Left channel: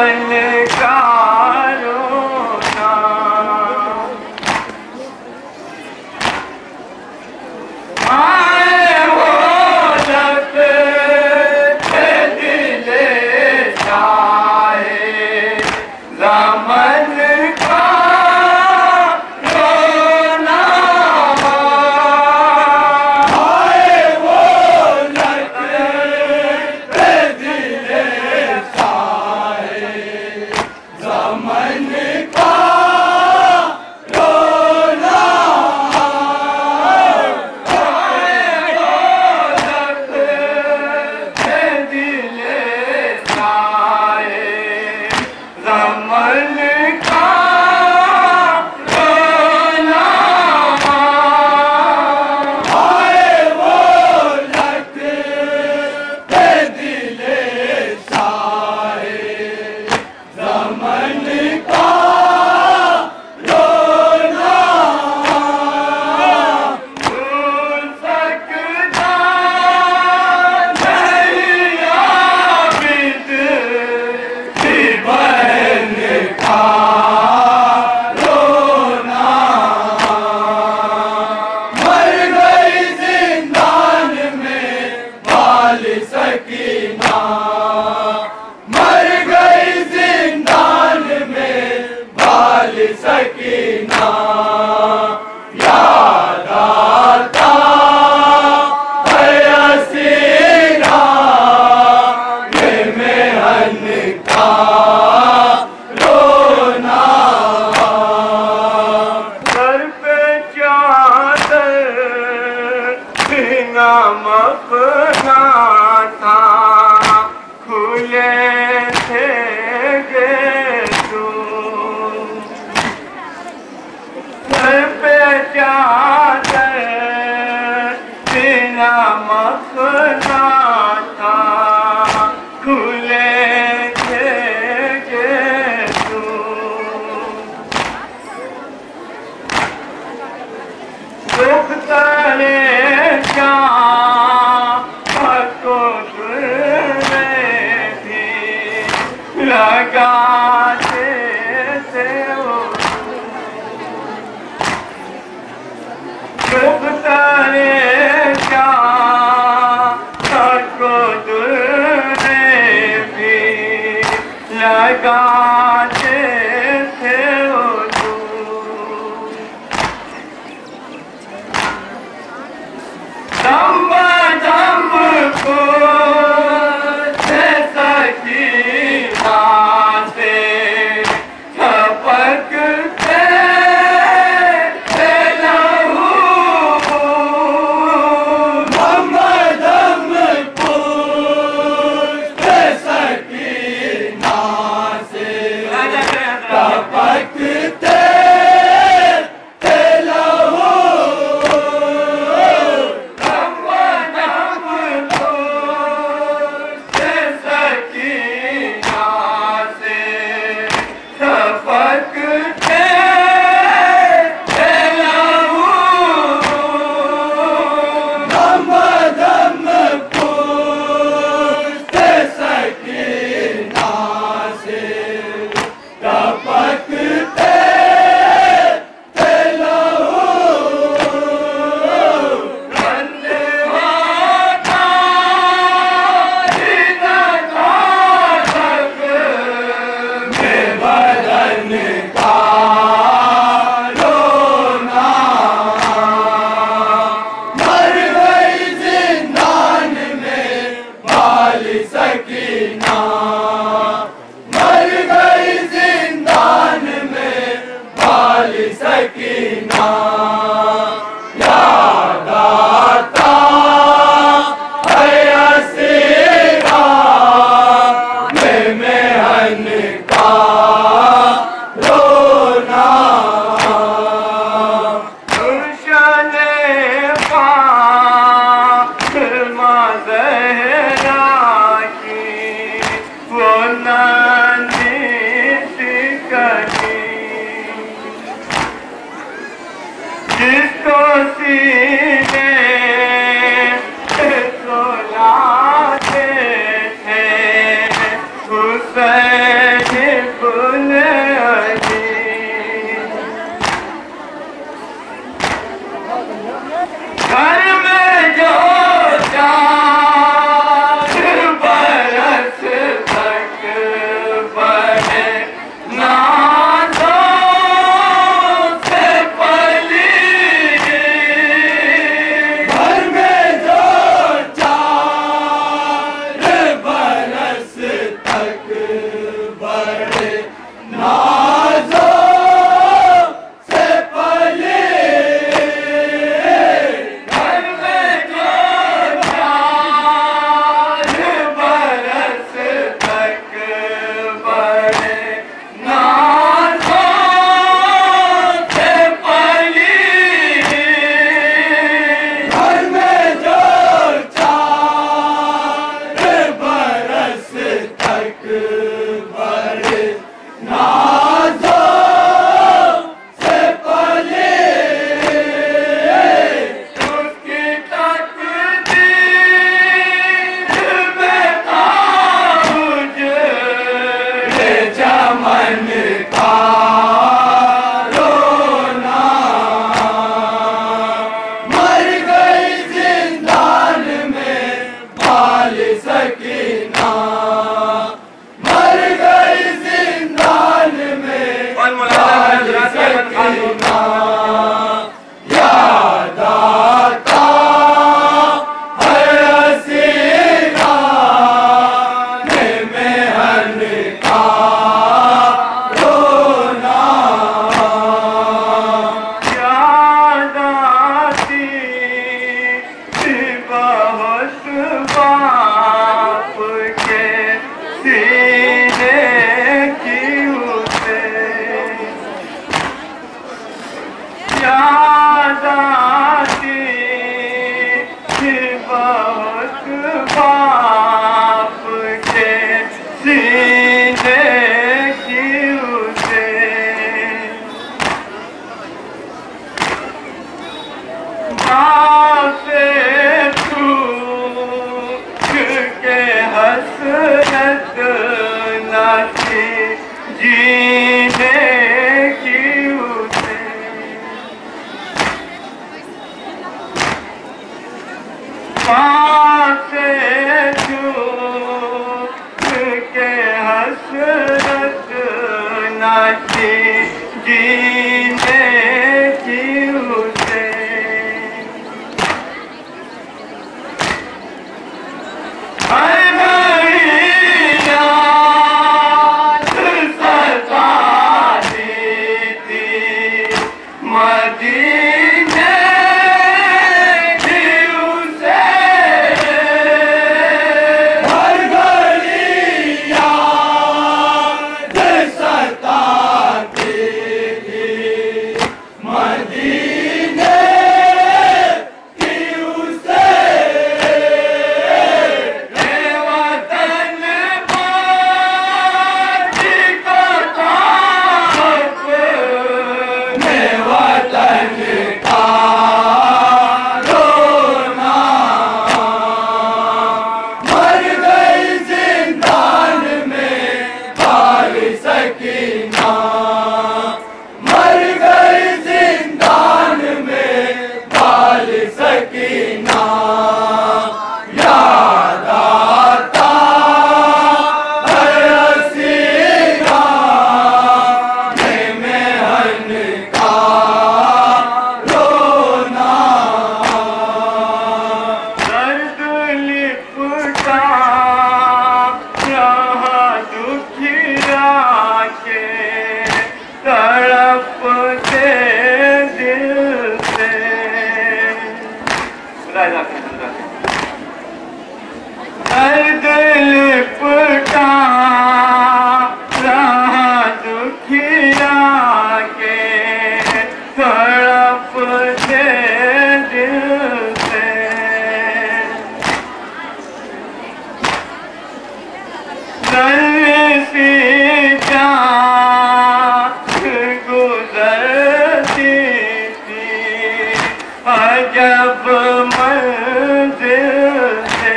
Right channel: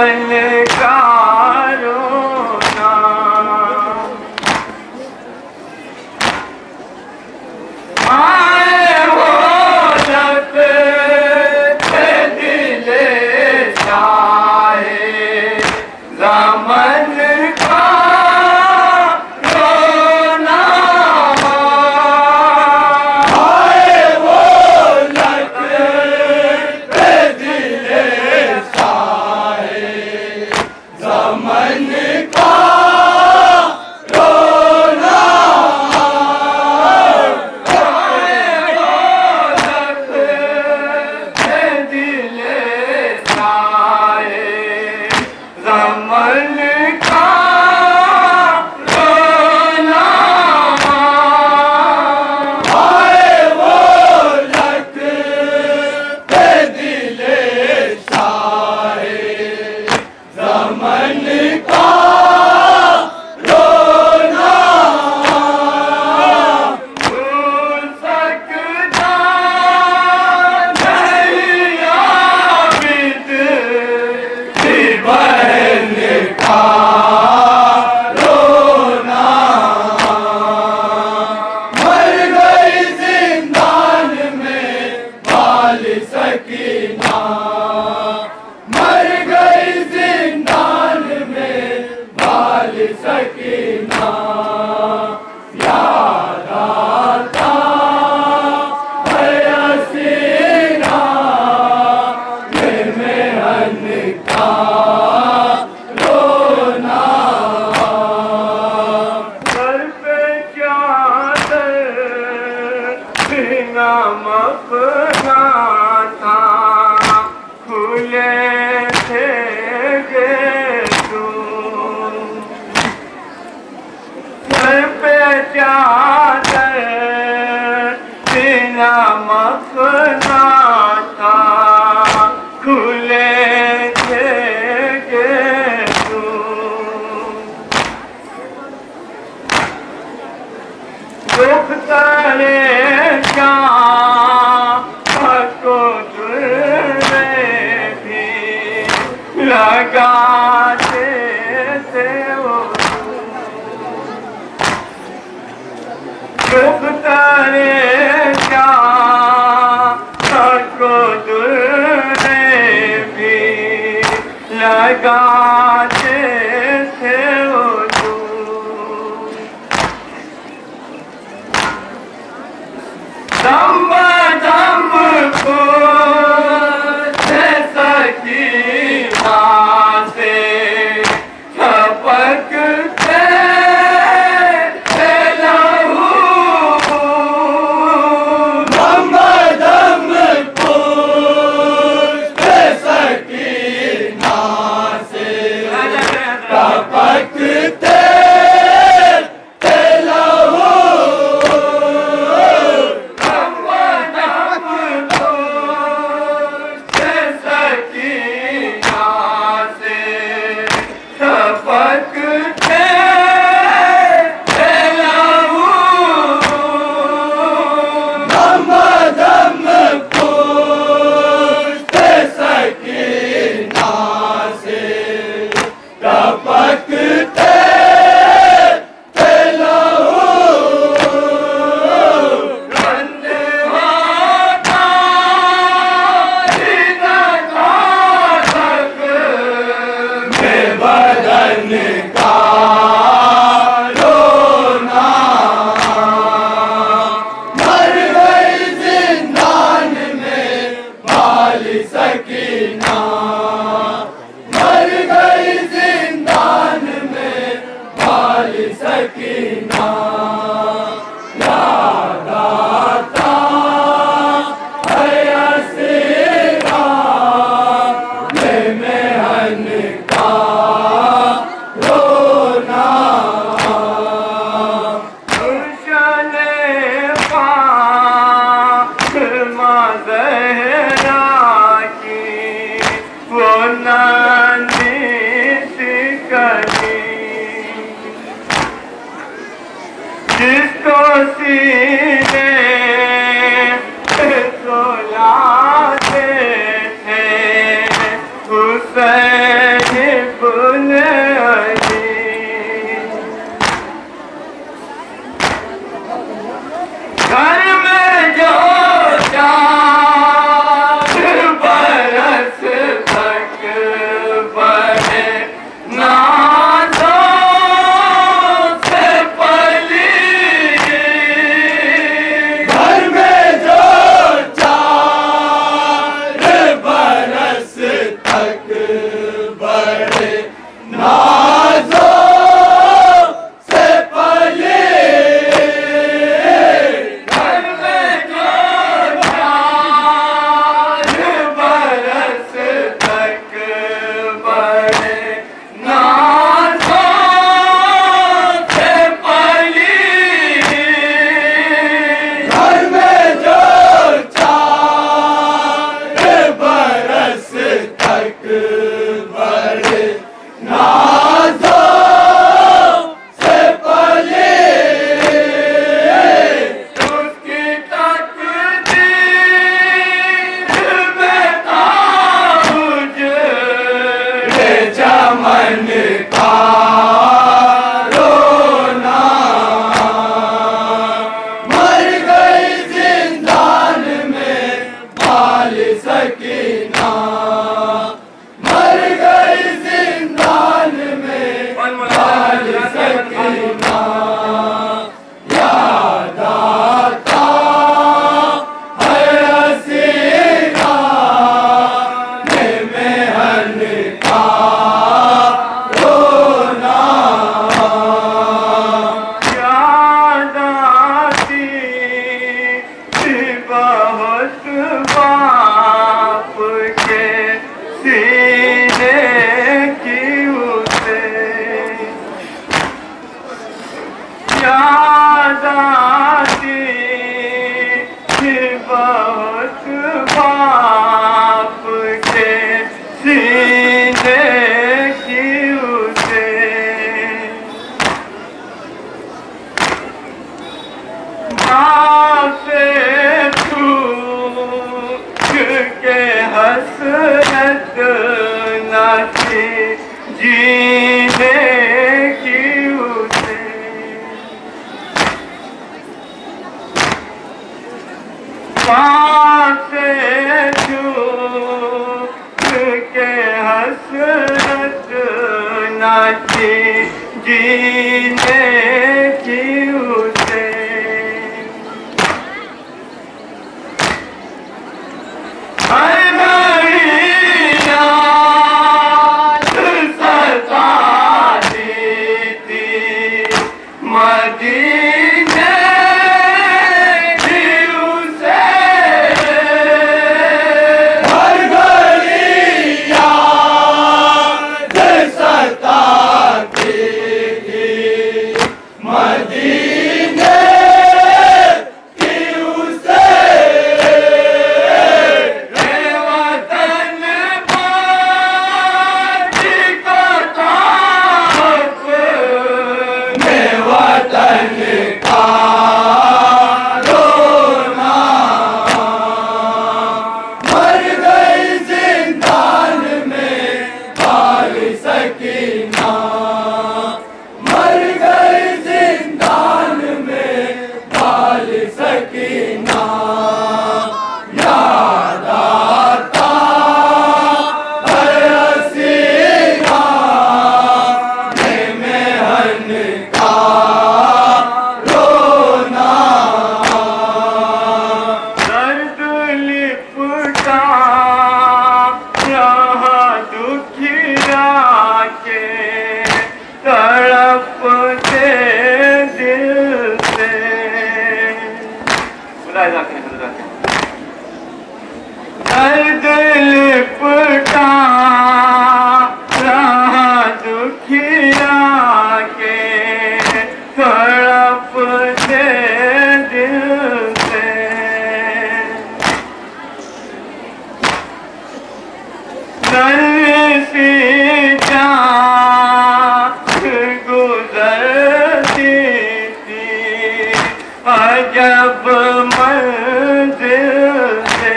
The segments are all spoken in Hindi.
दामन का रोना अपना था खुले दुख करे क्या को दुर्वे भी लगाते थे वो दुख करे क्या को दुर्वे भी लगाते थे वो दम दम को सकीना से झपकते लहू दम दम को सकीना से झपकते सकीना याद आता है हसीना मेहन का रोना गुलशने फातिमा ज़हरा की वो नानी सी कली जिसको सीने सुलाते थे हुसैन इब्न अली घर में जो चार बरस तक बने याद आती बहुत जीने की उसे हर घड़ी याद सताती थी मदीने की उसे हर घड़ी याद सताती थी मदीने की उसे रे वतन बाजी को ताप ने वतन का रोना मर गई जिंदान में बाल सकीना मर गई जिंदान में बाल सकीना याद आता हर हसीना मेहन का रोना दर्द लिपटा रहा दुखिया के तड़पते दिल से दर्द लिपटा रहा दुखिया के तड़पते दिल से सी जान गुजरती थी अजब मंजिल से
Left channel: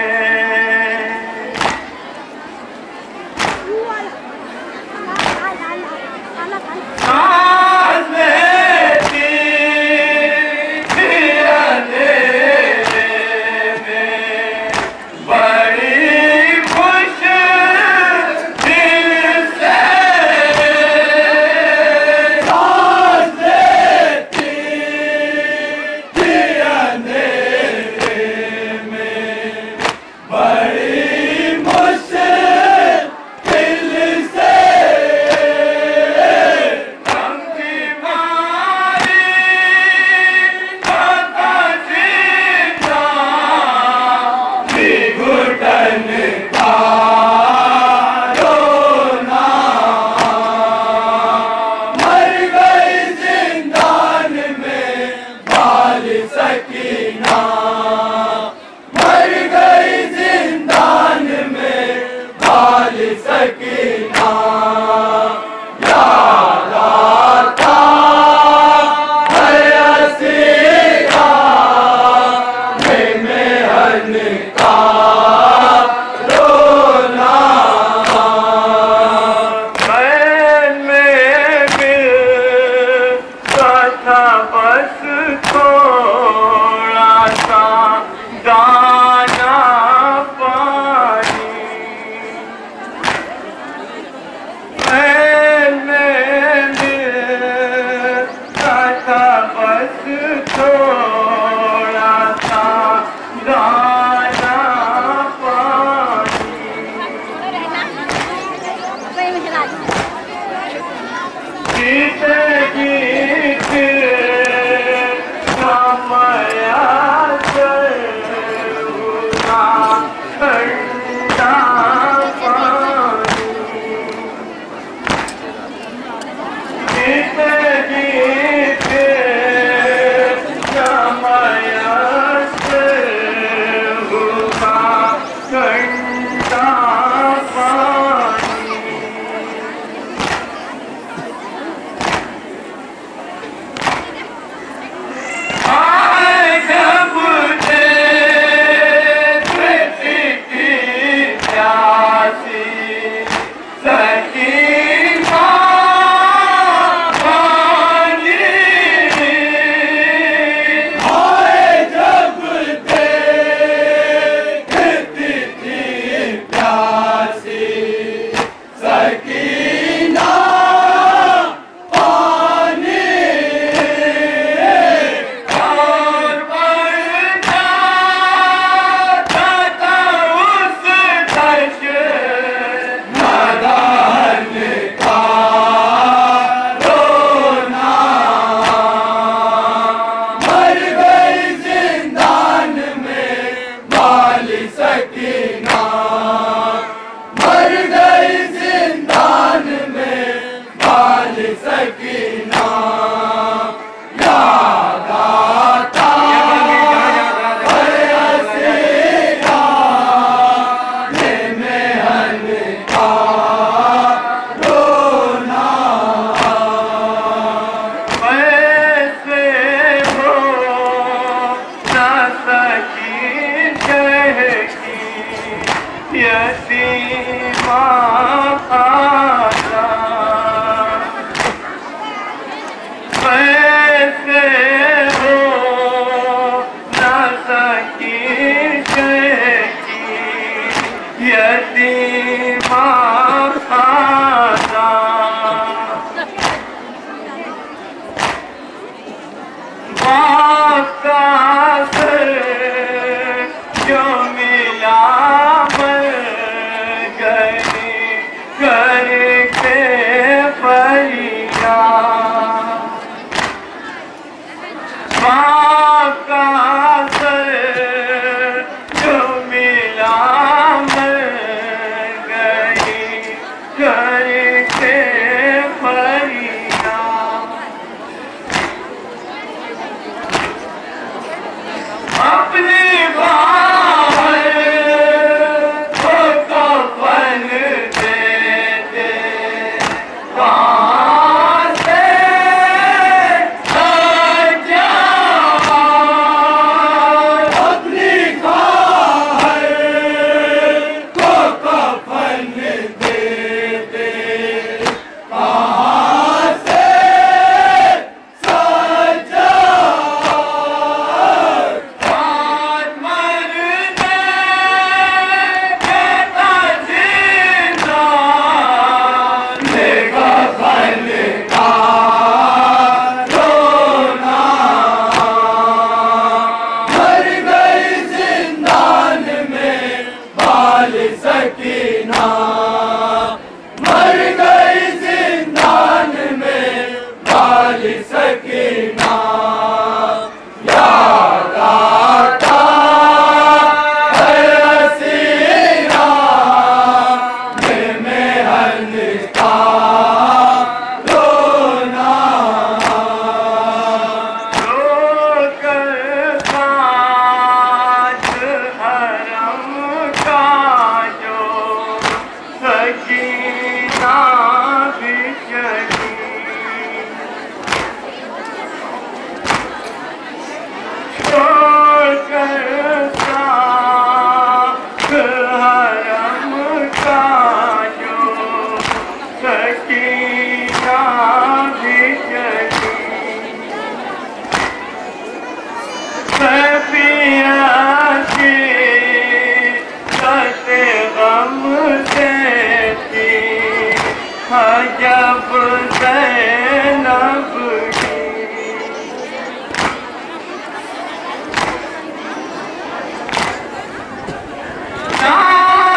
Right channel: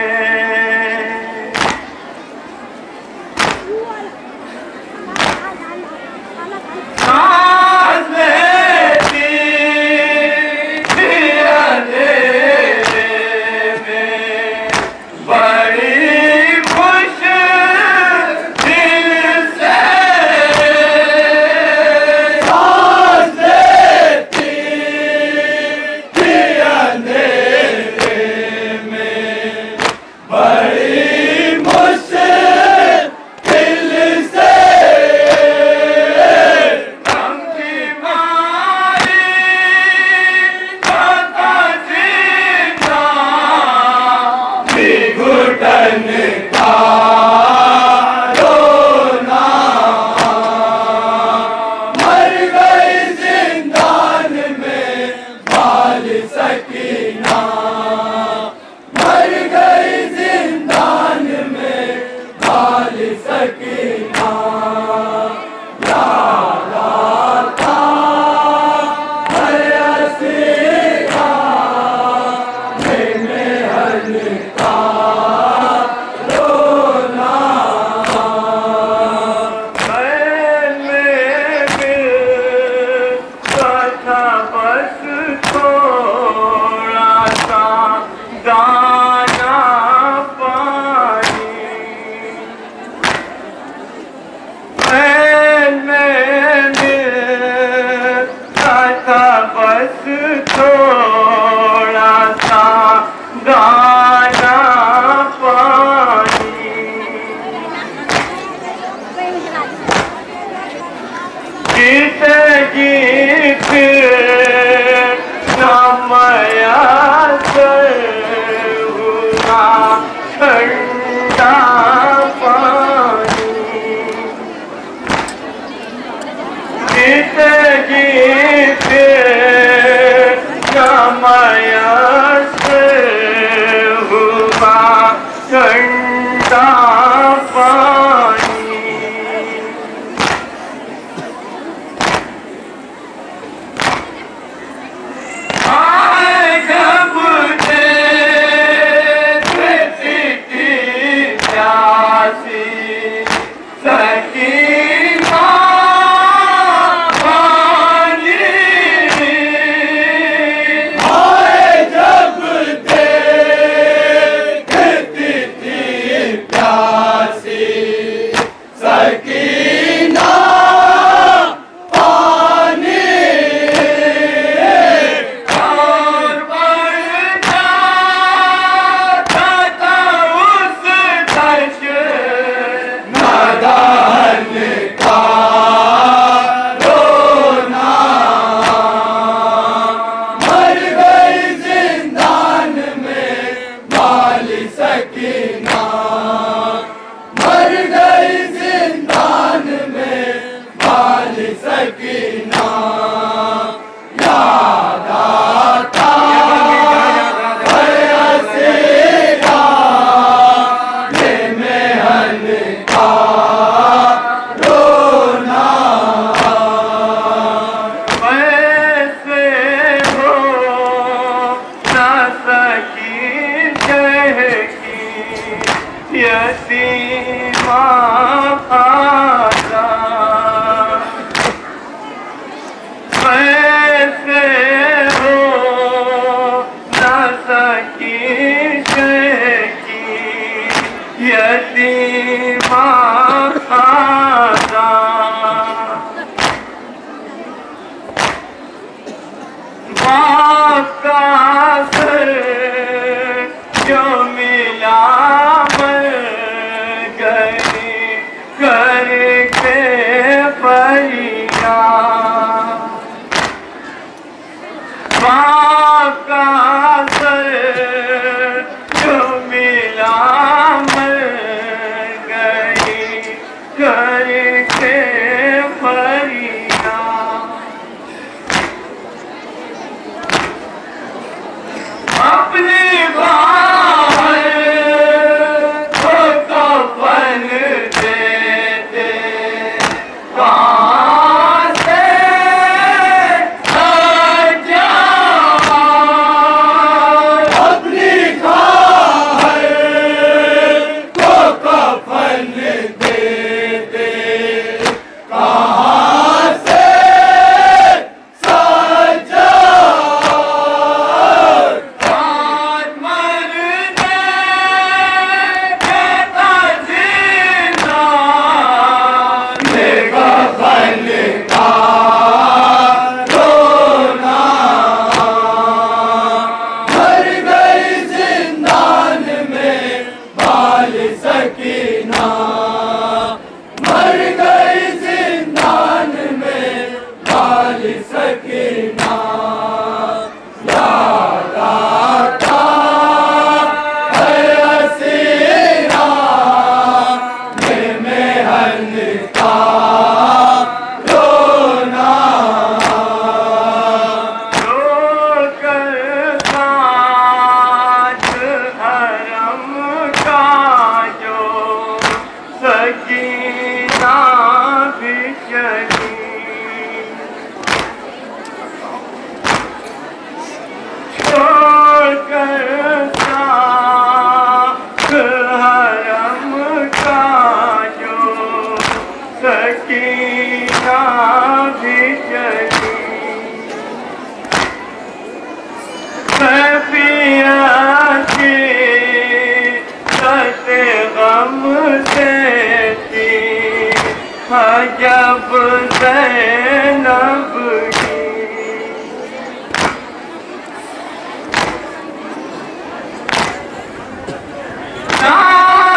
सांस लेती थी अंधेरे में बड़ी मुश्किल से सांस लेती थी अंधेरे में बड़ी मुश्किल से गम की मारी गाता जीता घुटन का रोना मर गई जिंदान में बाल सकीना मर गई जिंदान में बाल सकीना याद आता हर हसीना मेहन का रोना मैं मिलता था बस थोड़ा सा दाना पानी मैं मिलता था बस थोड़ा सा दाना पानी गीत गीत समया हुआ ठंडा पानी गीत गीत समय आपका सर जो मिला मर गई करके फरियाद। आपका सर जो मिला मर गई करके फरियाद। अपने बाहर को कफन दे दे कहाँ से सजा। अपनी बाहर को कफन दे दे कहाँ से सजा। सकीना मर गई जिंदान में बाल सकीना। याद आता है हसीना मेहन का रोना। रोकर काज हरम का सकीना भी चली। छोड़कर साथ हरम का जो सकीना भी चली। सफियाती सते गम से जब ज़ैनब की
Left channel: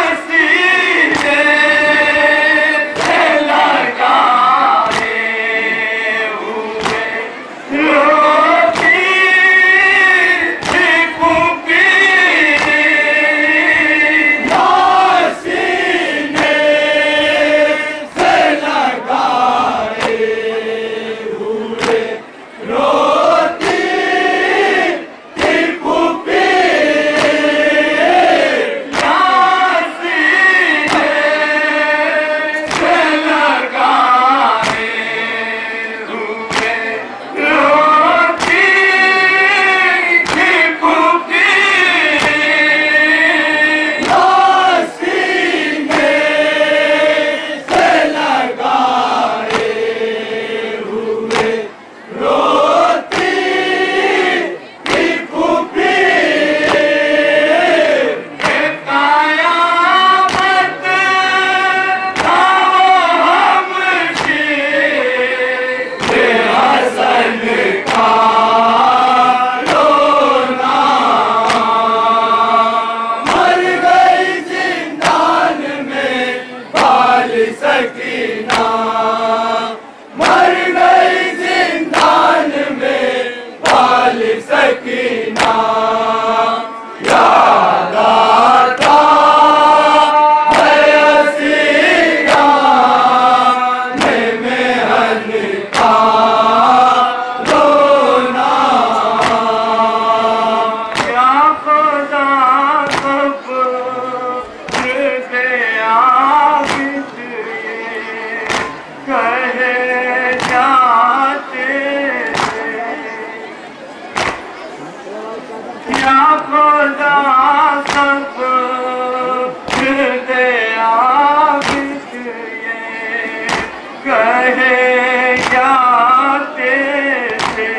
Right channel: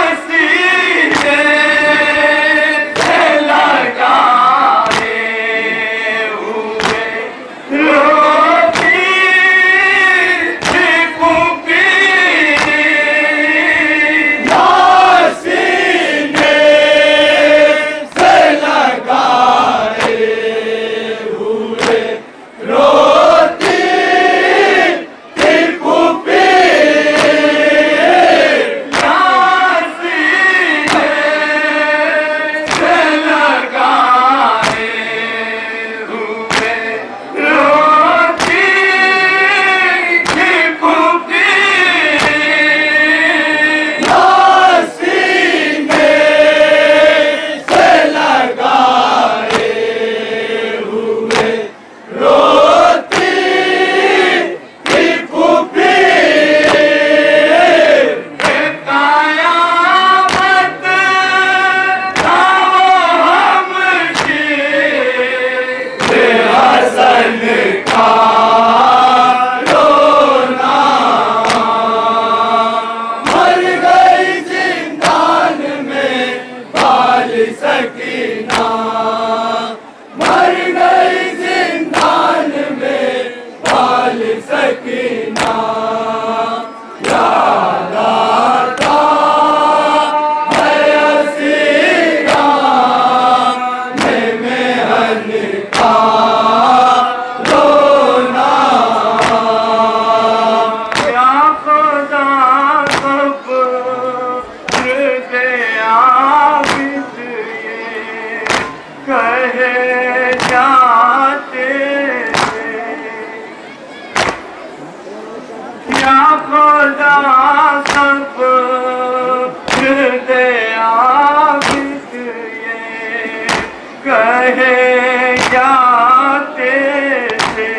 नासीने से लगाए हुए रोती थी पुपी। नासीने से लगाए हुए रोती थी पुपी। नासीने से लगाए हुए रोती थी पुपी। नासीने से लगाए हुए रोती थी पुपी। कयामत था हमकी हसन का रोना। मर गई जिंदान में बाल सकीना। मर गई जिंदान में बाल सकीना। याद आता है हसीना मेहन का रोना। क्या खुदा कब दे आबिद ये कहे जाते क्या खुदा सब दे आबिद ये कहे जाते थे।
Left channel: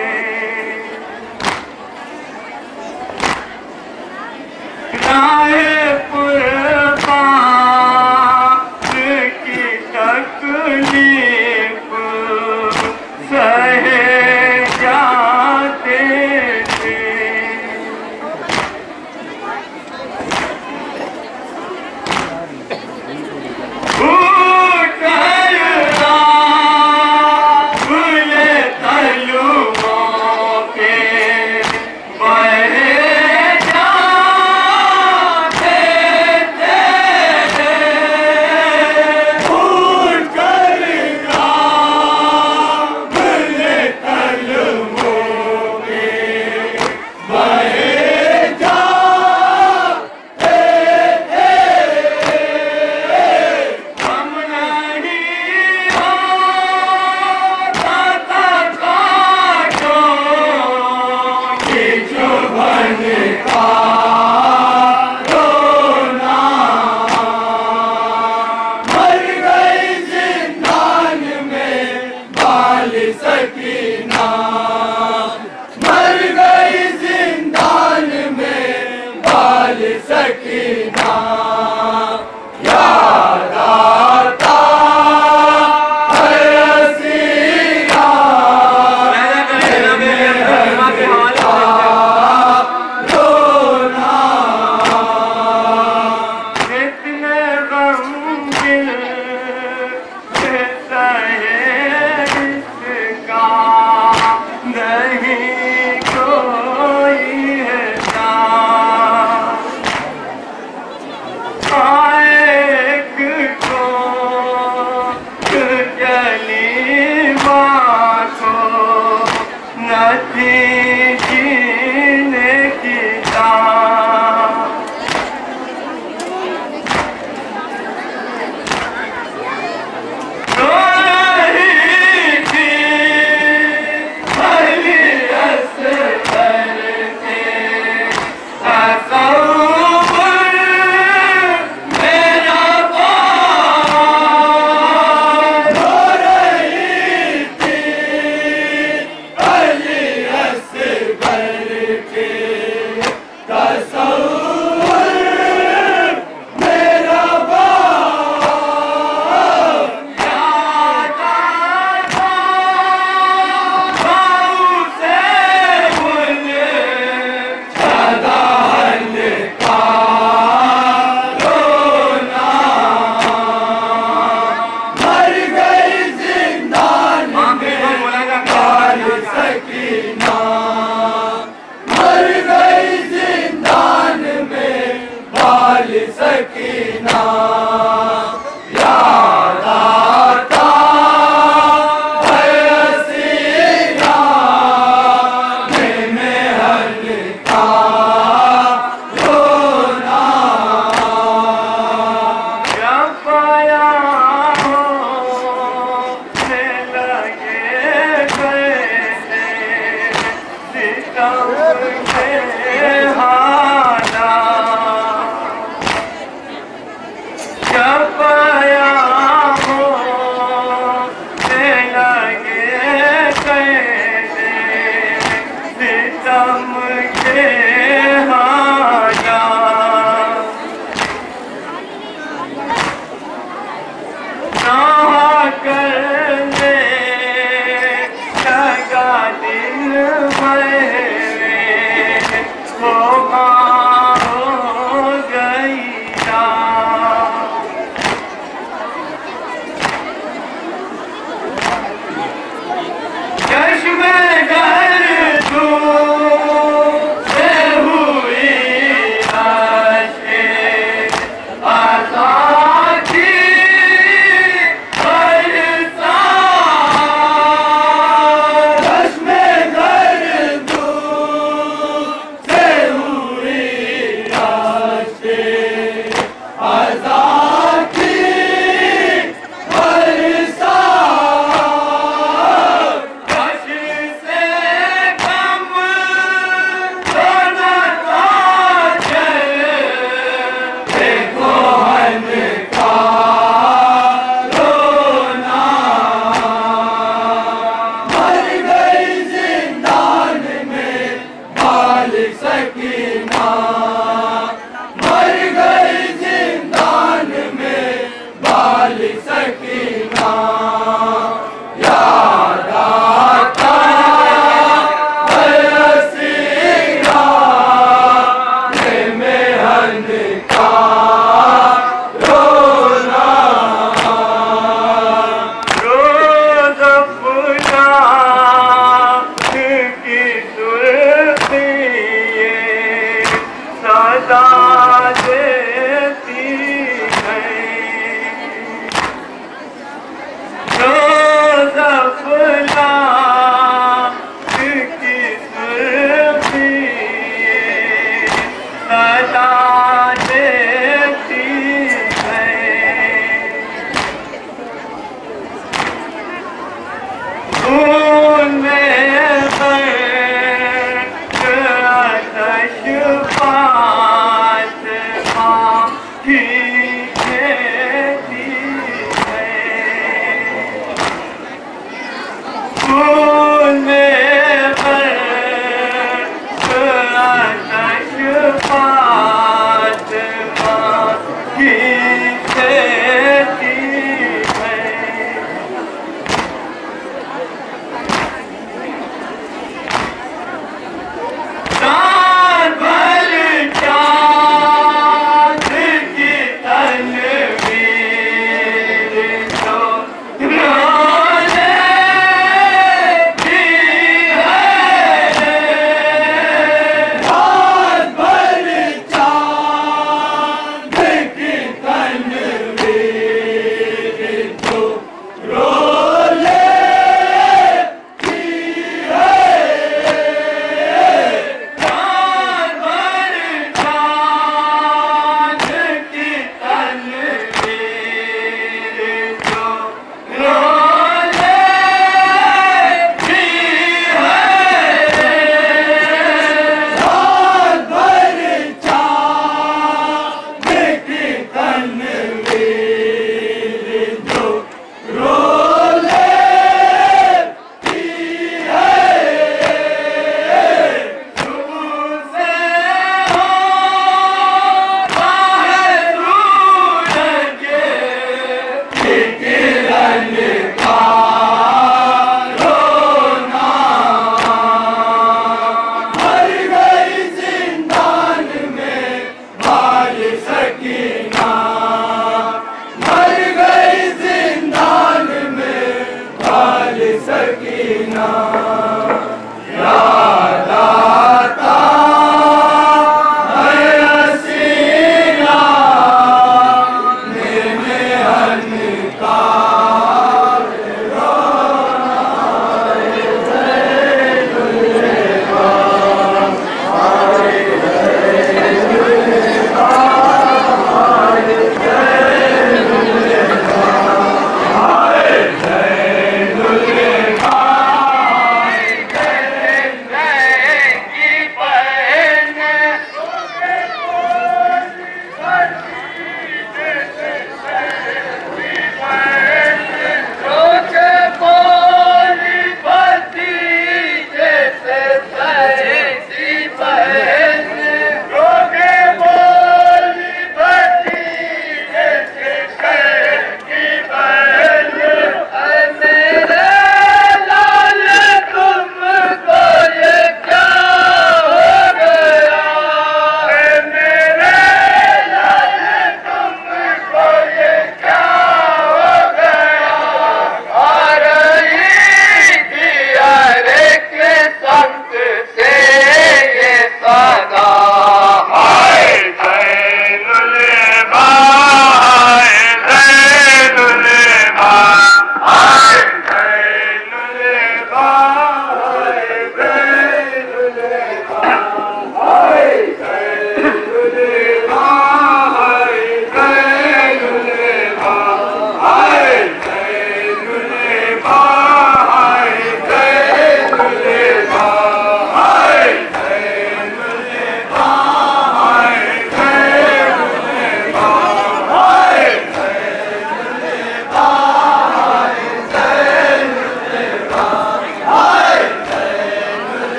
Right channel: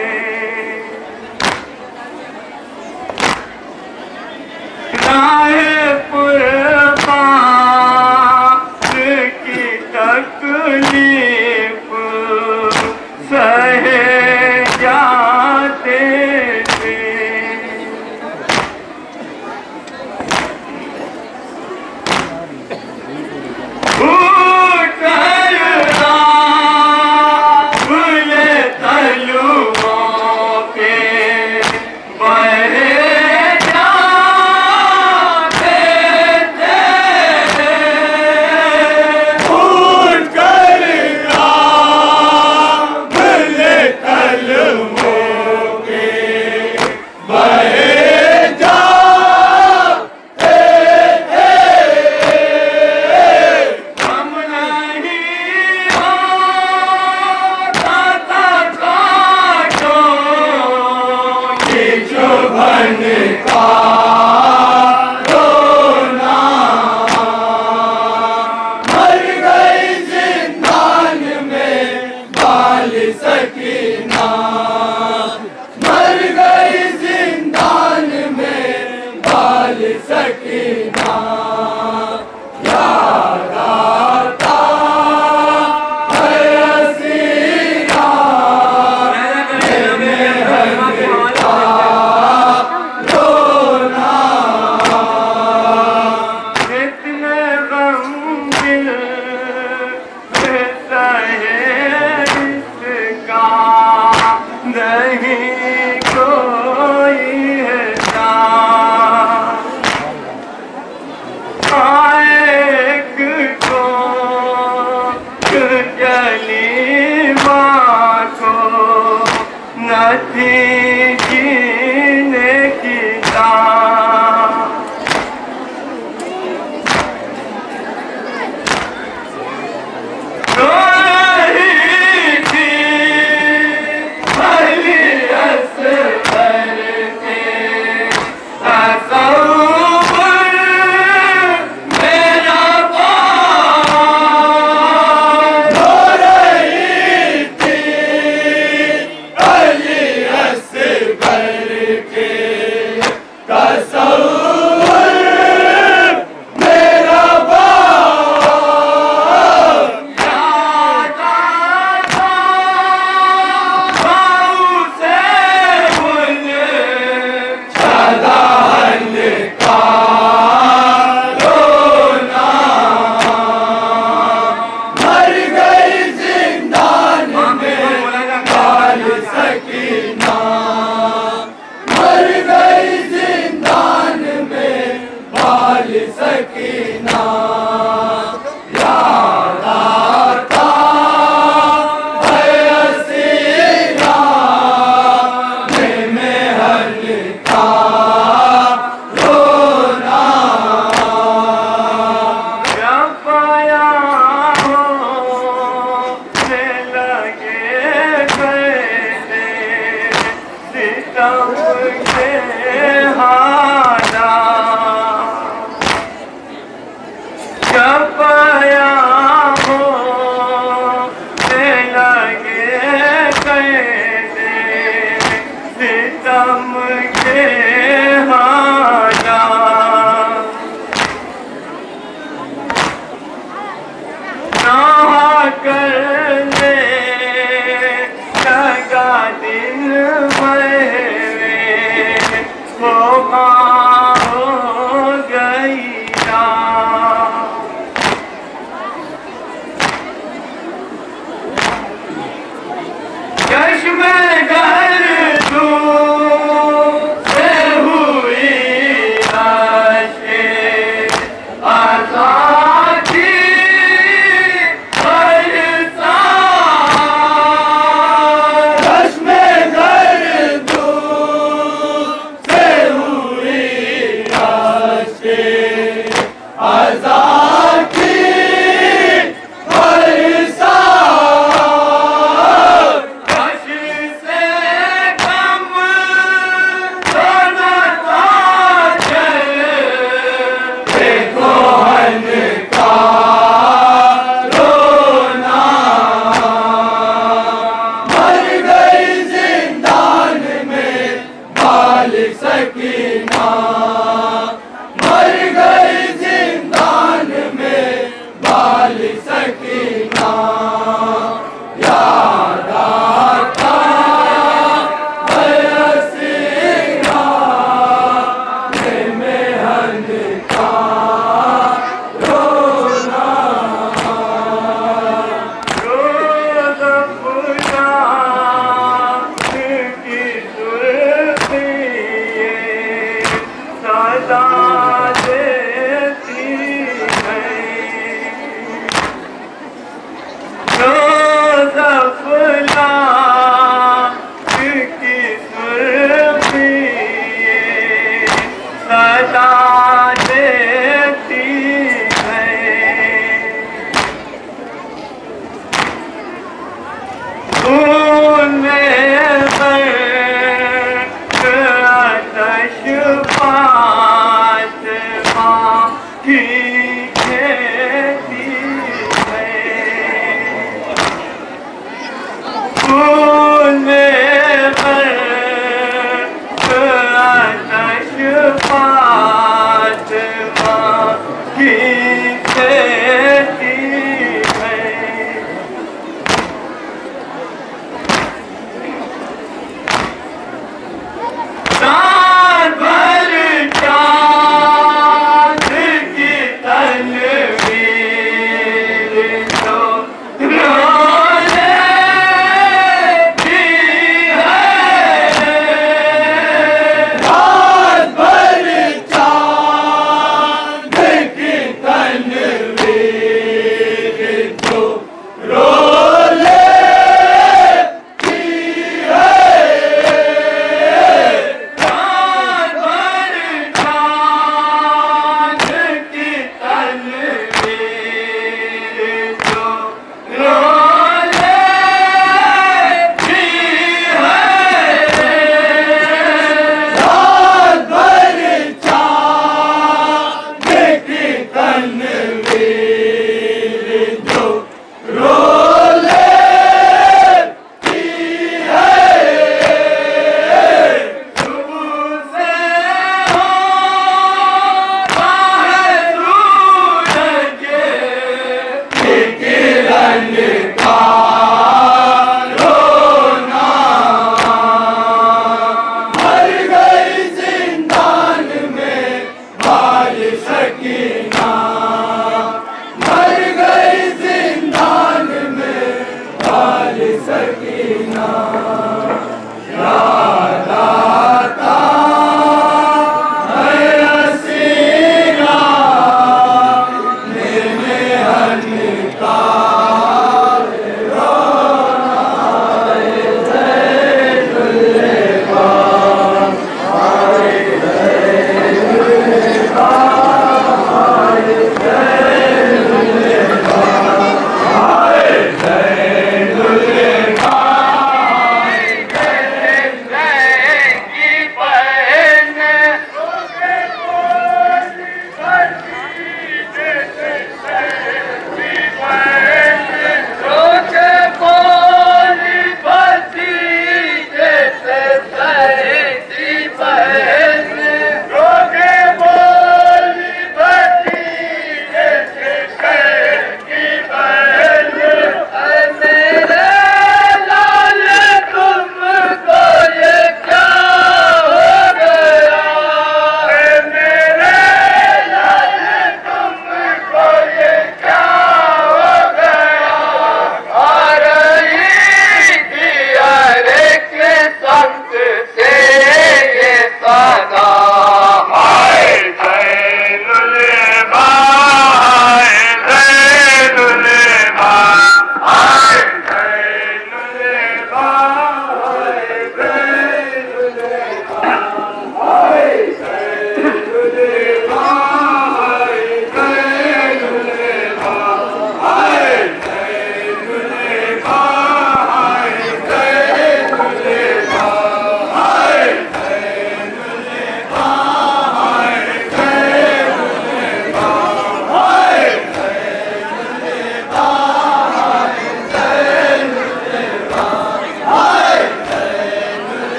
राहे कुर्बान की तकलीफ सहे जाते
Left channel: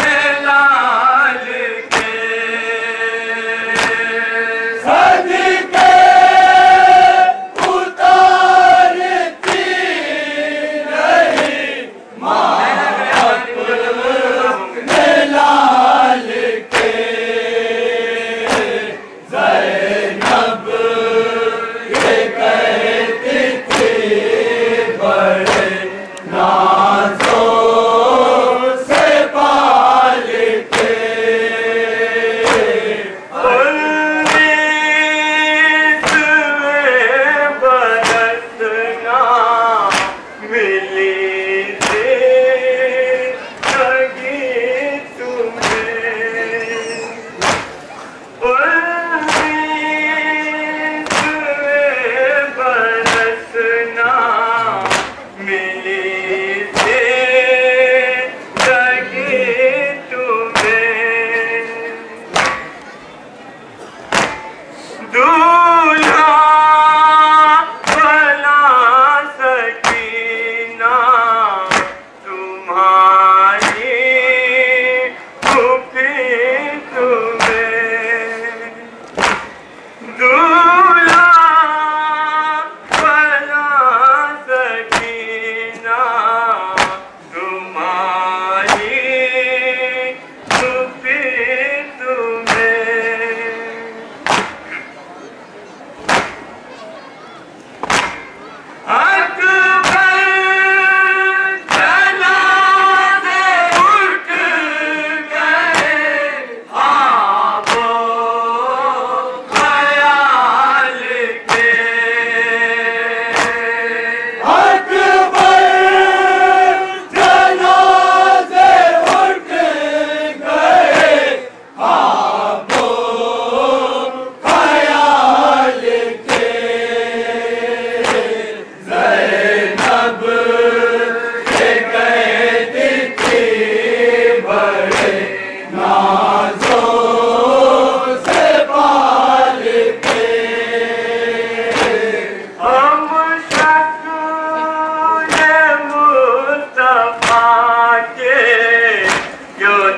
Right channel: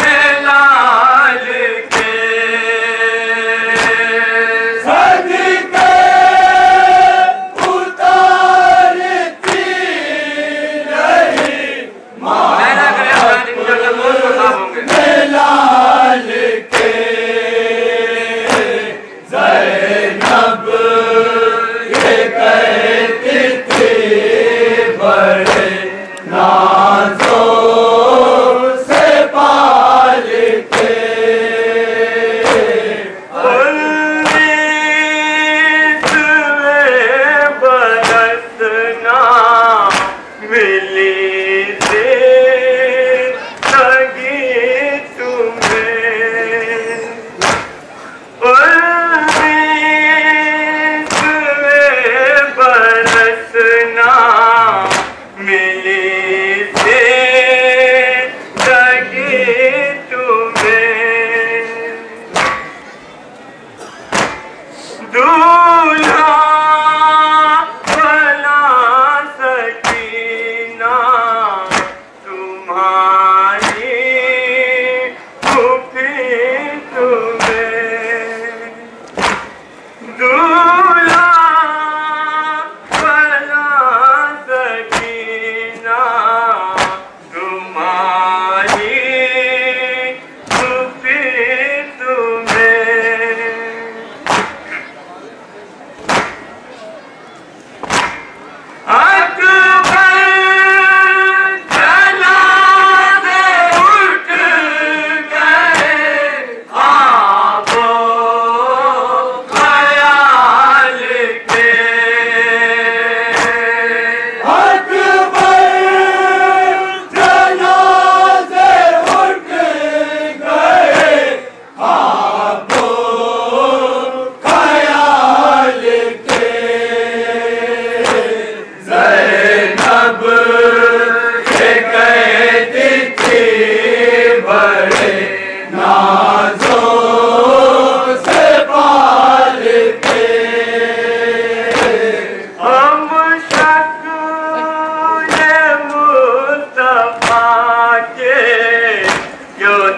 मेला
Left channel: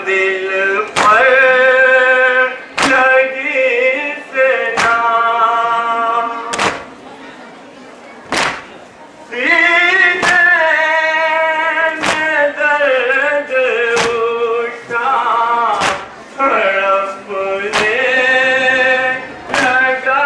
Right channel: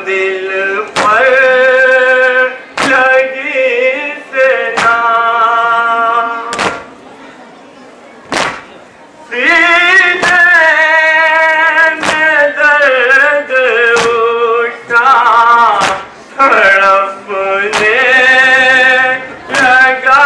दिल पर लगी सना सीने में दर्द उठा तड़पने लगा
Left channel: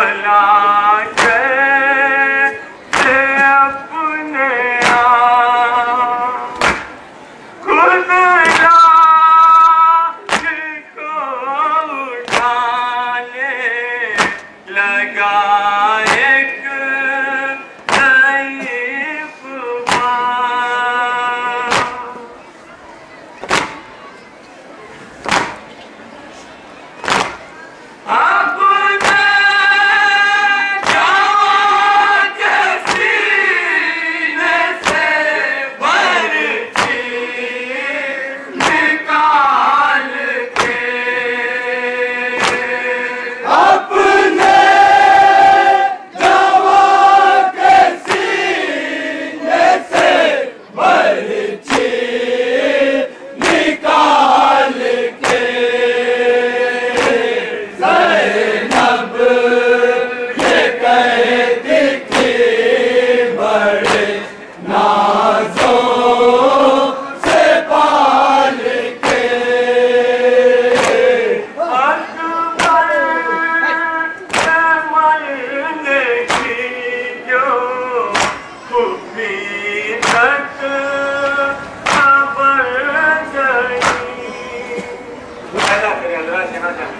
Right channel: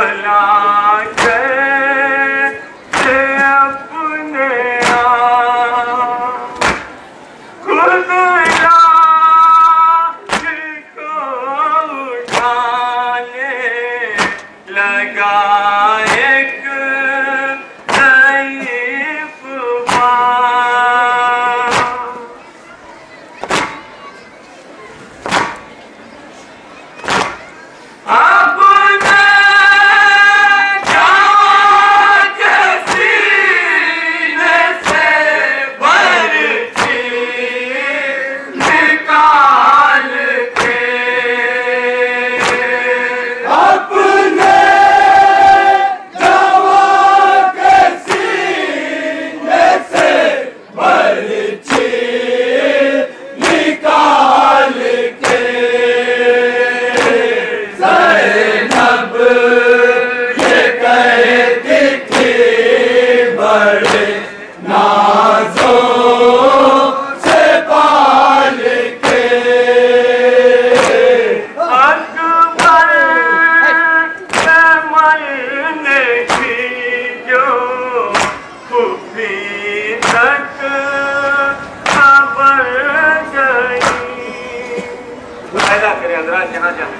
भला कैसे अपने आप खुद लाख को उठाने लगा एक ज़ईफ़ बाँ। अपने जवां के सीने से बर्छी निकाल के अपने जवां के सीने से बर्छी निकाल के ज़ैनब ये कहती थी बड़े नाज़ों से पाल के अकबर से मरने की जो खूबी तक खबर गई। पैदा करें अंदर यहाँ जाए।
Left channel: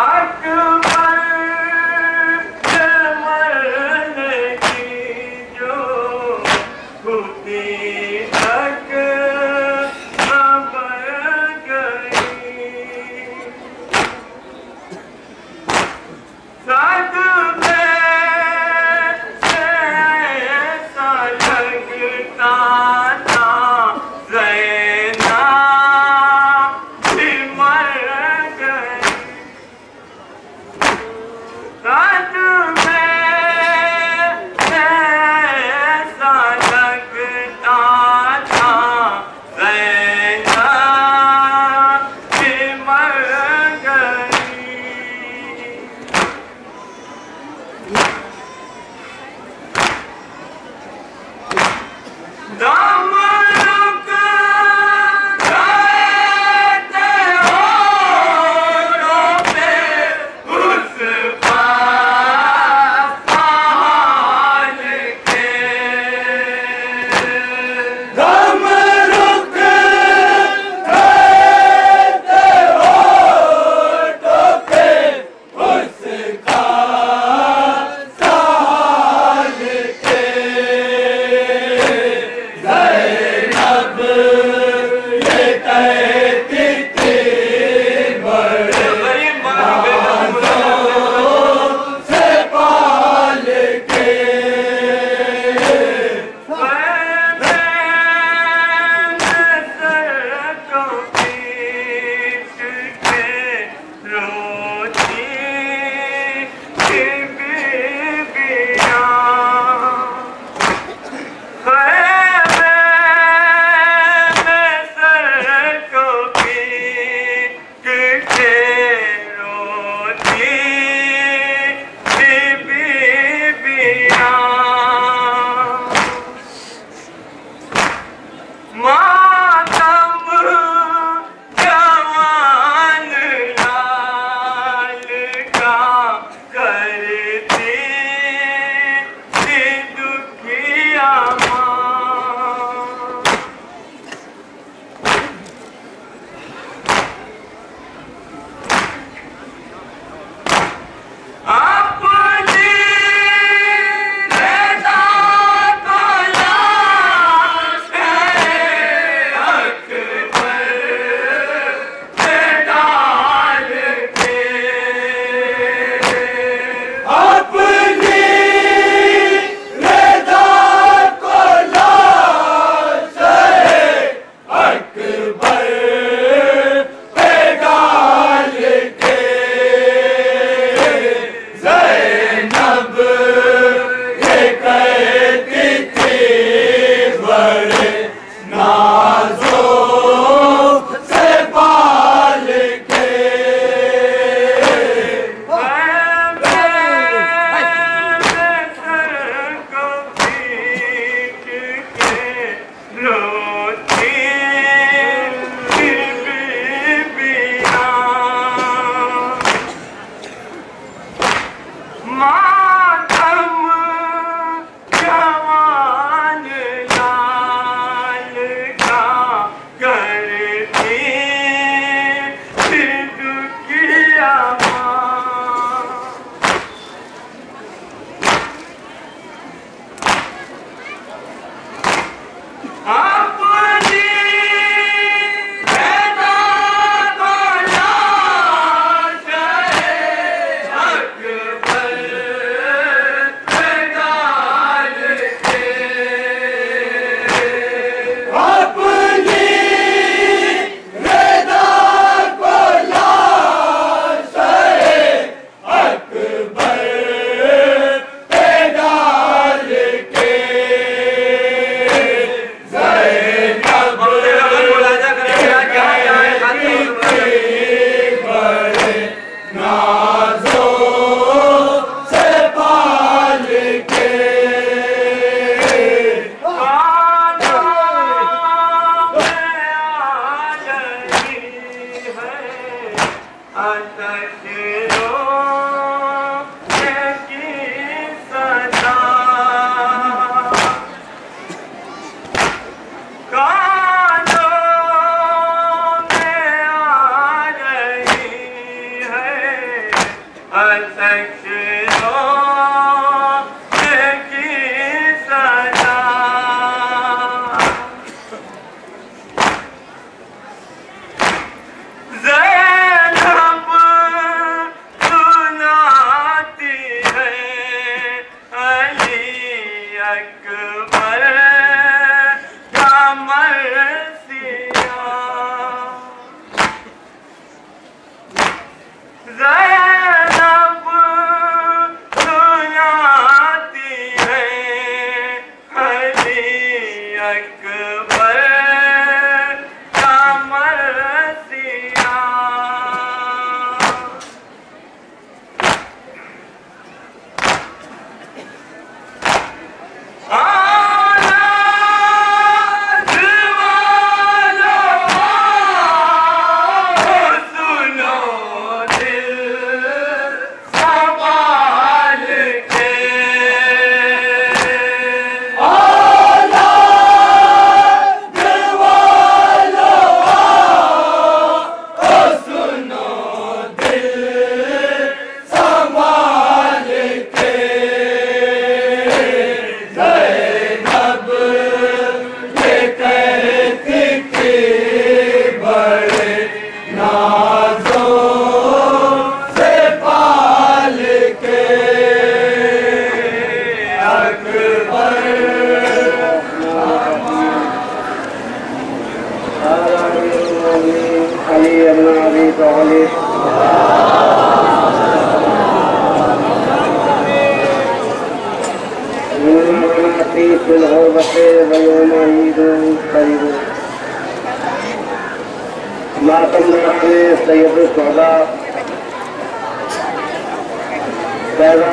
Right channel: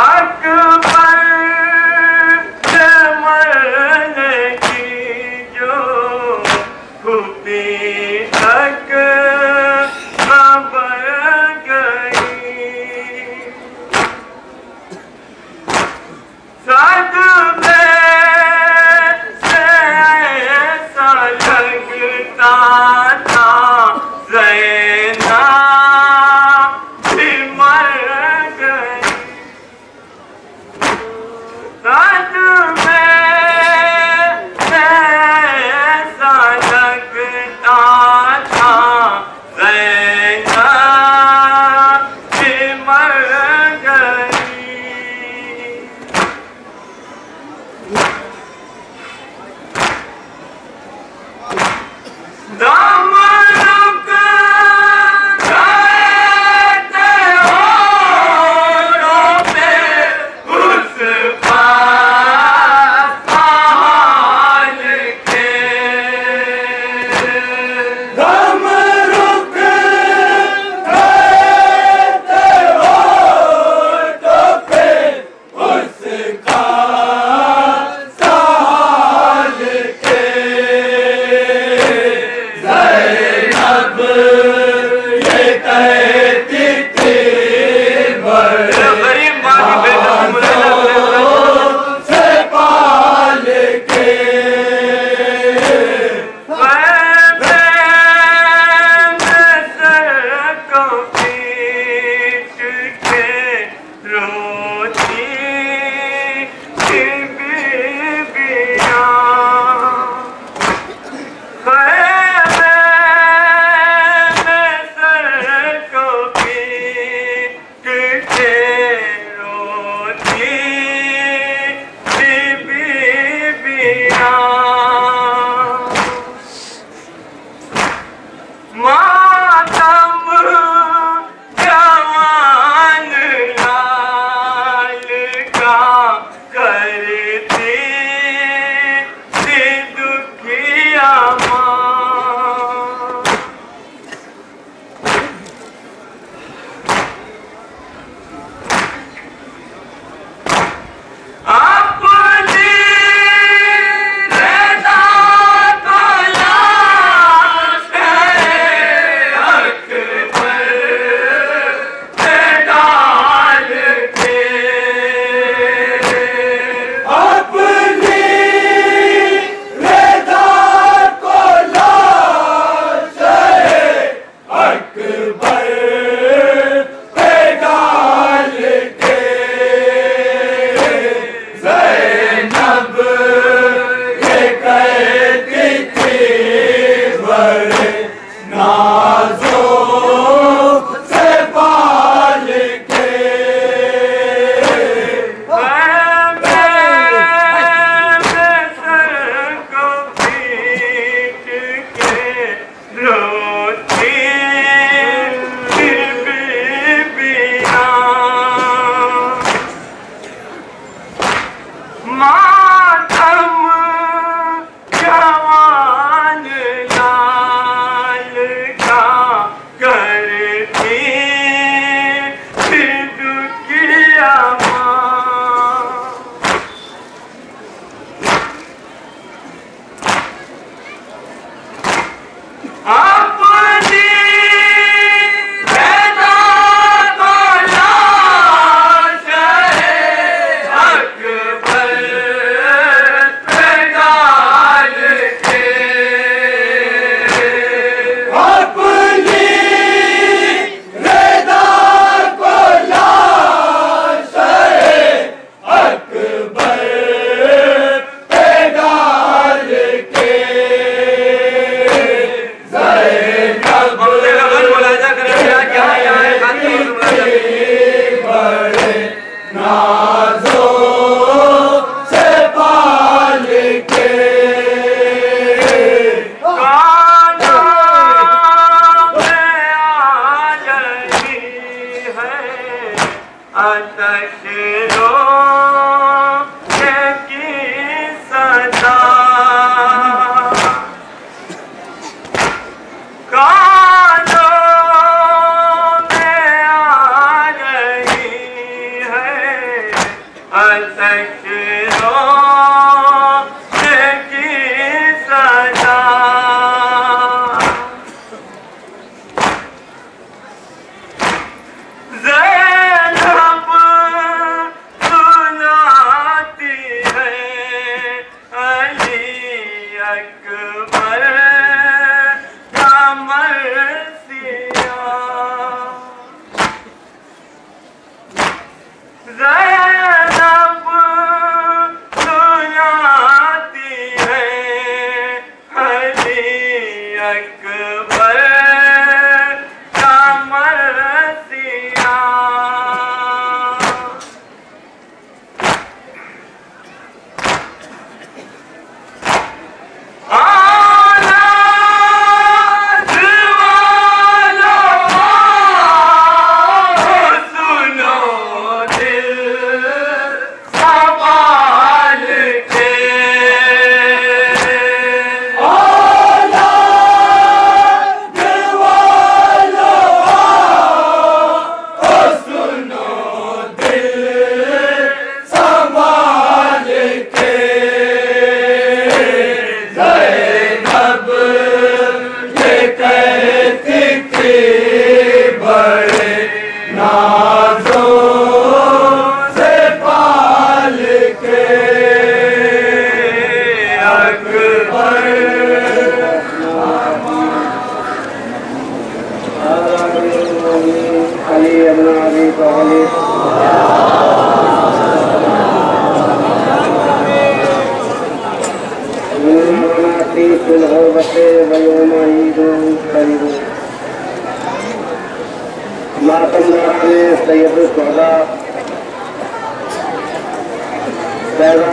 अकबर से मरने की जो खूबी तक खबर गई। सदमे से ऐसा लगता था ज़ैनब भी मर गई। सदमे से ऐसा लगता था ज़ैनब भी मर गई। दम रुक गए थे होठों पे उस पासाल के। दम रुक गए थे होठों पे उसका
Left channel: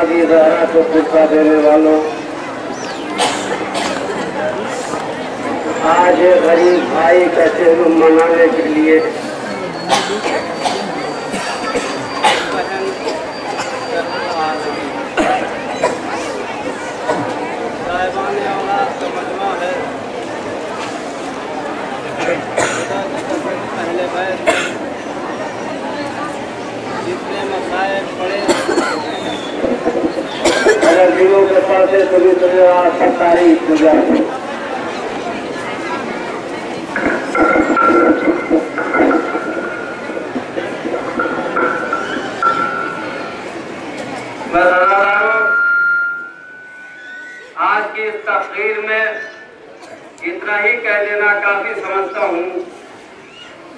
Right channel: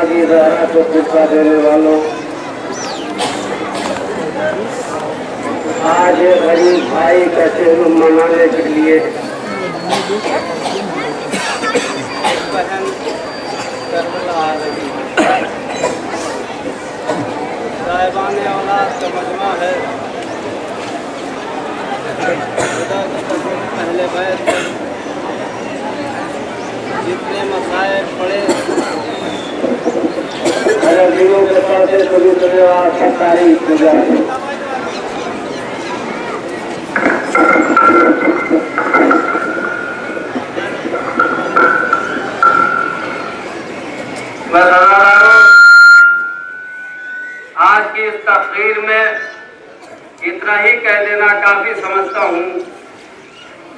की जहरा को फिरका देने वालों, आज गरीब भाई कैसे मनाने के लिए साहिबाने औलाद का मजमा है। पहले बैठ जितने मसाइब पड़े अगर दिनों के पढ़ते सभी सरकारी पूजा आज की इस तकरीर में इतना ही कह देना काफी समझता हूँ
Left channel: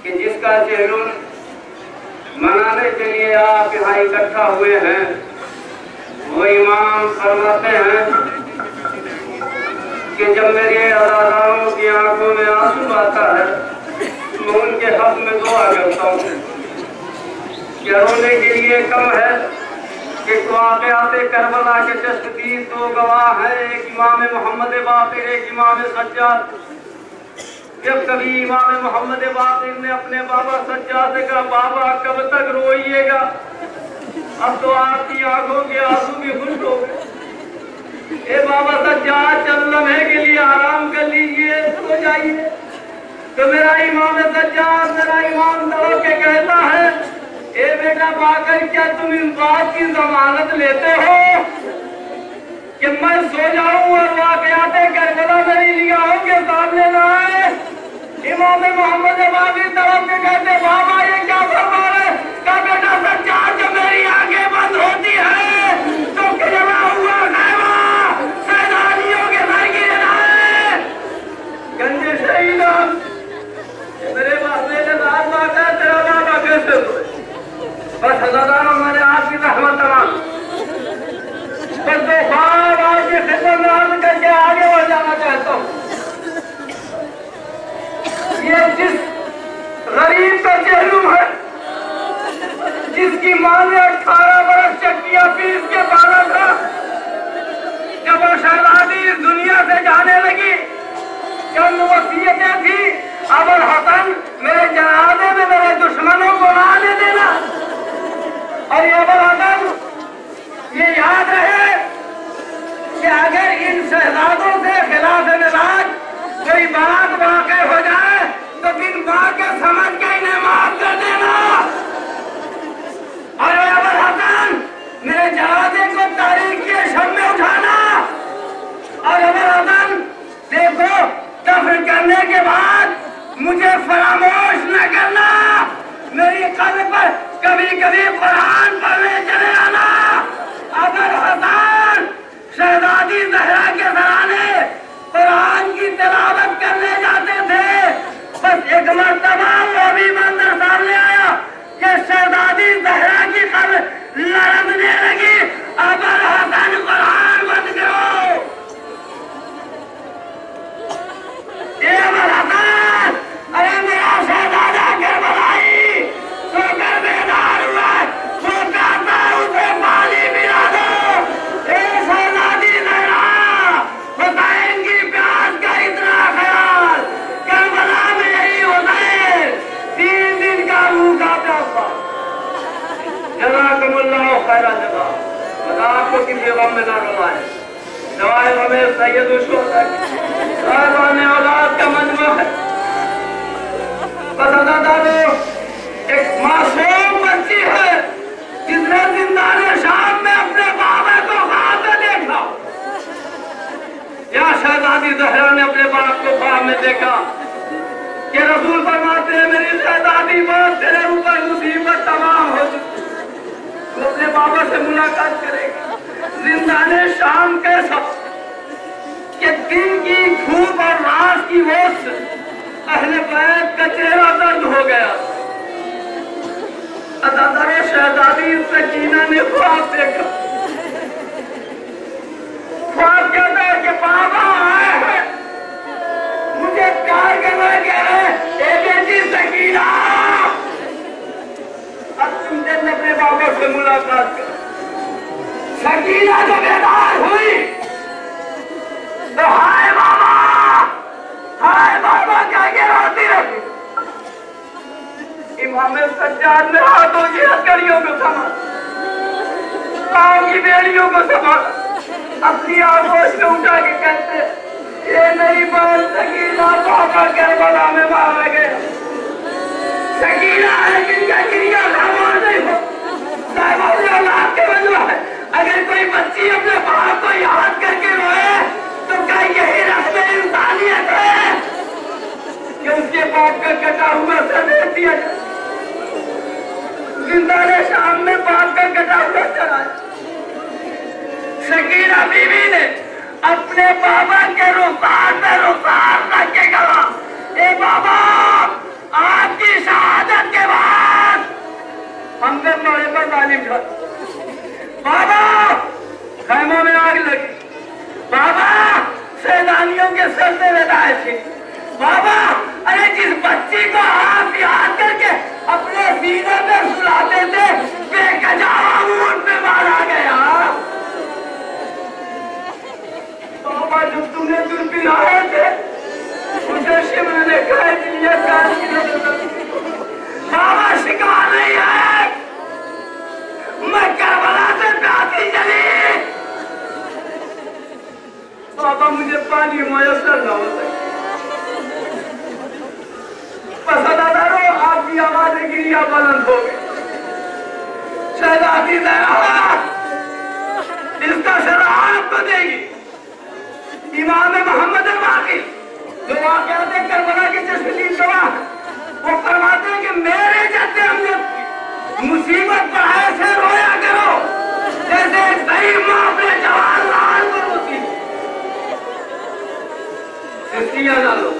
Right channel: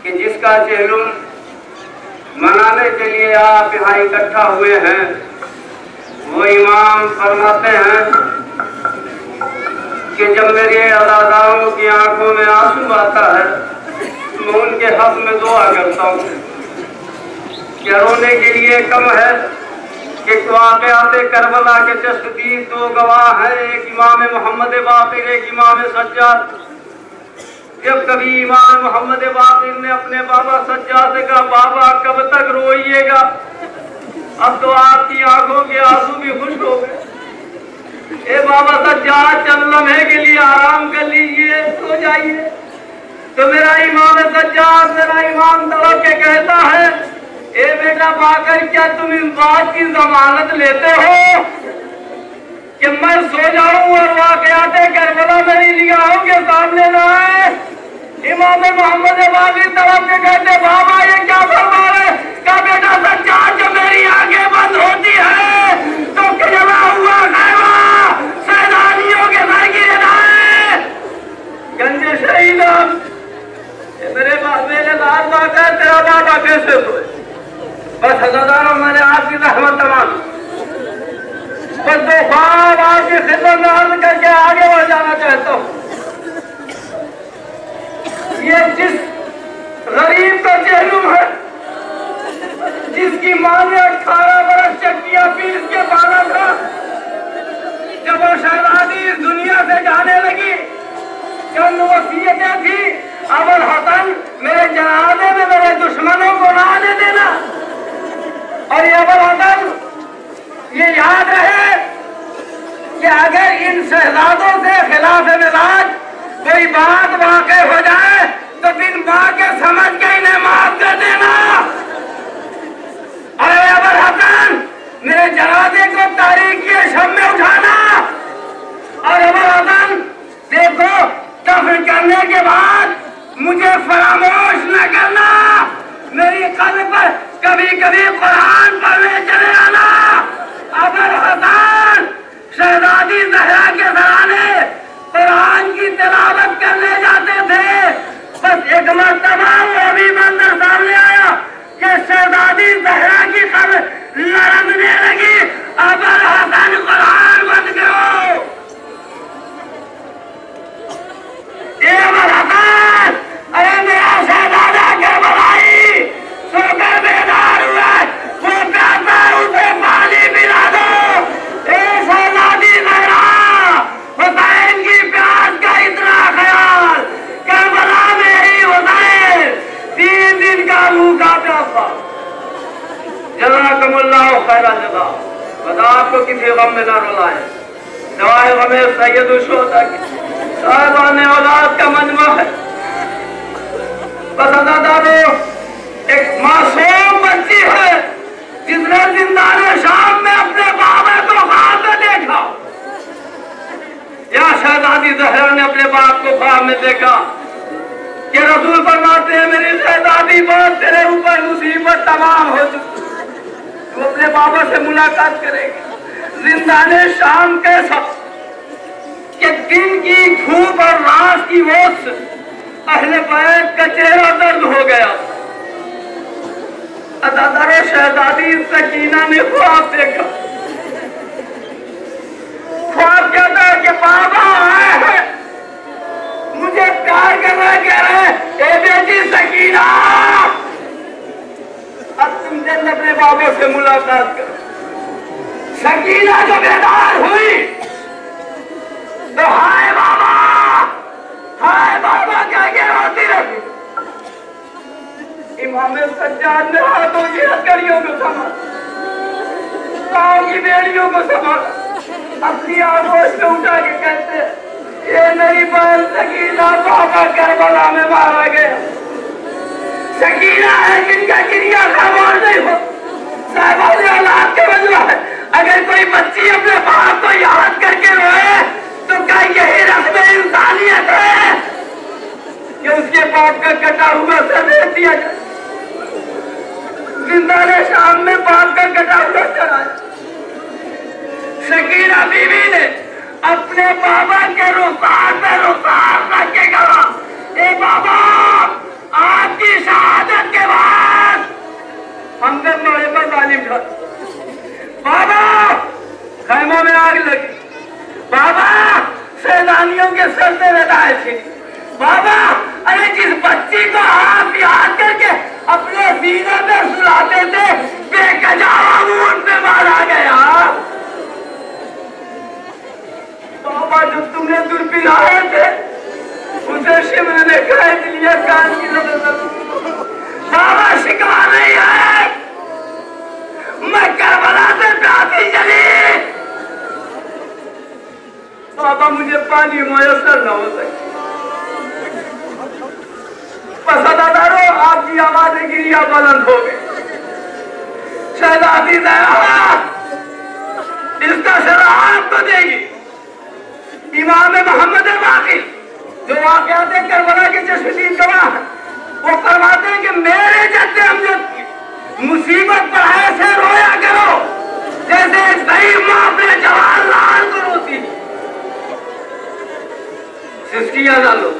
कि जिसका चेहलुम मनाने के लिए आप यहाँ इकट्ठा हुए हैं, वो इमाम फरमाते हैं कि जब मेरे अज़ादारों की आंखों में आंसू आता है, मैं उनके हक में दुआ करता हूँ। क्या रोने के लिए कम है कि वाक़यात करबला के तस्दीक दो गवाह हैं, एक इमाम मोहम्मद बाक़िर, एक इमाम सज्जाद। जब कभी इमाम मोहम्मद बाक़िर ने अपने बाबा सज्जाद से कहा, बाबा कब तक रोइएगा, अब तो आपकी आंखों के आंसू भी सज्जाद चंद लम्हे के लिए आराम कर लीजिए, सो जाइए। तो मेरा इमाम सज्जाद, मेरा इमाम तड़प के कहता है, ए बेटा बाकर, क्या तुम इस बात की जमानत लेते हो कि मैं सो जाऊं और वाकयाते करबला मेरी निगाहों के सामने न आए? इमाम मोहम्मद बाकी तड़प के कहते, बाबा ये क्या फरमा रहे? क्या बेटा सज्जाद, जब मेरी आंखें बंद होती है तो जला हुआ खैमा सैलानियों के सर की रदाएं गंजे शहीद मेरे लाल बात है, तेरा बाबा कैसे सोए? बस हज़ारों मैंने आपकी रहमत तमाम, बस दो ख्वाब आपकी खिदमत में अर्ज करके आगे बढ़ जाना चाहता हूँ। ये जिस गरीब का चेहलू है, जिसकी मां ने 18 बरस चक्कियां पीस के पाला था, जब वो शहजादी इस दुनिया से जाने लगी, चंद वसीयतें थी, अबुल हसन मेरे जनाजे में मेरे दुश्मनों को ना आने देना, और ये अबुल हसन ये याद रहे कि अगर इन शहजादों से खिलाफ मिजाज कोई बात वाक़ई हो जाए तो बिन मां के समझ के इन्हें माफ कर देना। अरे अबुल हसन मेरे जनाजे को तारीख के शब में उठाना, और अबुल हसन देखो दफन करने के बाद मुझे फरामोश न करना, मेरी कब्र पर कभी कभी कुरान पढ़ने चले आना। अबुल हसन शहजादी ज़हरा के घराने कुरान की तिलावत करने जाते थे, बस एक मर्तबा वो भी मंदिर सामने आया कि शहजादी ज़हरा की कब्र लरजने लगी। अबुल हसन कुरान बंद करो। ये अबुल हसन, अरे मेरा शहजादा करबलाई सोकर बेदार हुआ, वो कहता उसे पानी पिला दो। ए शहजादी ज़हरा, हुसैन की प्यास का इतना ख्याल, करबला मेरी हुसैन 3 दिन का भूखा प्यासा। जज़ाकुमुल्लाह खैरा जज़ा। खुदा आपको किसी गम में न रुलाए। दवाए गमे सैयदुल शुहदा की साहिबाने औलाद का मजमा है। दादो एक मासूम बच्ची है जिसने जिंदाने शाम में अपने बाबा को ख्वाब में देखा, या शहजादी ज़हरा ने अपने बाप को ख्वाब में देखा कि रसूल फरमाते हैं, मेरी शहजादी बात तेरे ऊपर मुसीबत तमाम हो चुकी, तू अपने बाबा से मुलाकात करेगी। जिंदाने शाम कैसा कि दिन की धूप और रात की ओस से अहले बैत का चेहरा दर्द हो गया। अदादारो शहजादी सकीना ने ख्वाब देखा। ख्वाब कहता है कि बाबा आए हैं, मुझे प्यार करना कह रहे हैं, ए बेटी सकीना, अब तुम जल्द अपने बाबा से मुलाकात करो। सकीना जब बेदार हुई तो हाय बाबा क्या के रोती रही। इमाम सज्जाद ने हाथों की हथकड़ियों को संभाला, पाँव की बेड़ियों को संभाला, अपनी आगोश में उठा के कहते, ये मेरी बात सकीना बाबा करबला में मारा गया। सकीना है जिनका क्रिया खामोश नहीं हो, साहिबान औलाद के मजमा है। अगर कोई बच्ची अपने बाप को याद करके रोए तो क्या यही रस्म इंसानियत है कि उसके बाप का कटा हुआ सर दे दिया जाए? जिंदाने शाम में बाप का कटा हुआ चढ़ाया। सकीना बीवी ने अपने बाबा के रुखार पे रुखार रख के कहा, ए बाबा, आपकी शहादत के बाद हमदर्द मोड़े पर तालीम था। बाबा, खैमों में आग लगी। बाबा, सैलानियों के सर से रदाए थी। बाबा, अरे जिस बच्ची को आप याद करके अपने सीने पे सुलाते थे, बेकजावा ऊंट पे मारा गया। बाबा, जो तुमने दूर पिलाए थे उसे शिमर ने कैद लिया, कान की नजर। बाबा, शिकवा नहीं है, मैं करबला से प्यासी चली। वहां मुझे पानी मुयसर न हो सके। पसंदारो आपकी आवाजें गिरिया बुलंद हो गई। शहजादी इसका सजा आपको देगी। इमाम मोहम्मद बाकी जो वाक़यात करबला के चश्मदीद गवाह है, वो फरमाते हैं कि मेरे जद्दे अमजद की मुसीबत पर ऐसे रोया करो जैसे एक सही माँ अपने जवान लाल को रोती। सिस्टियां डालो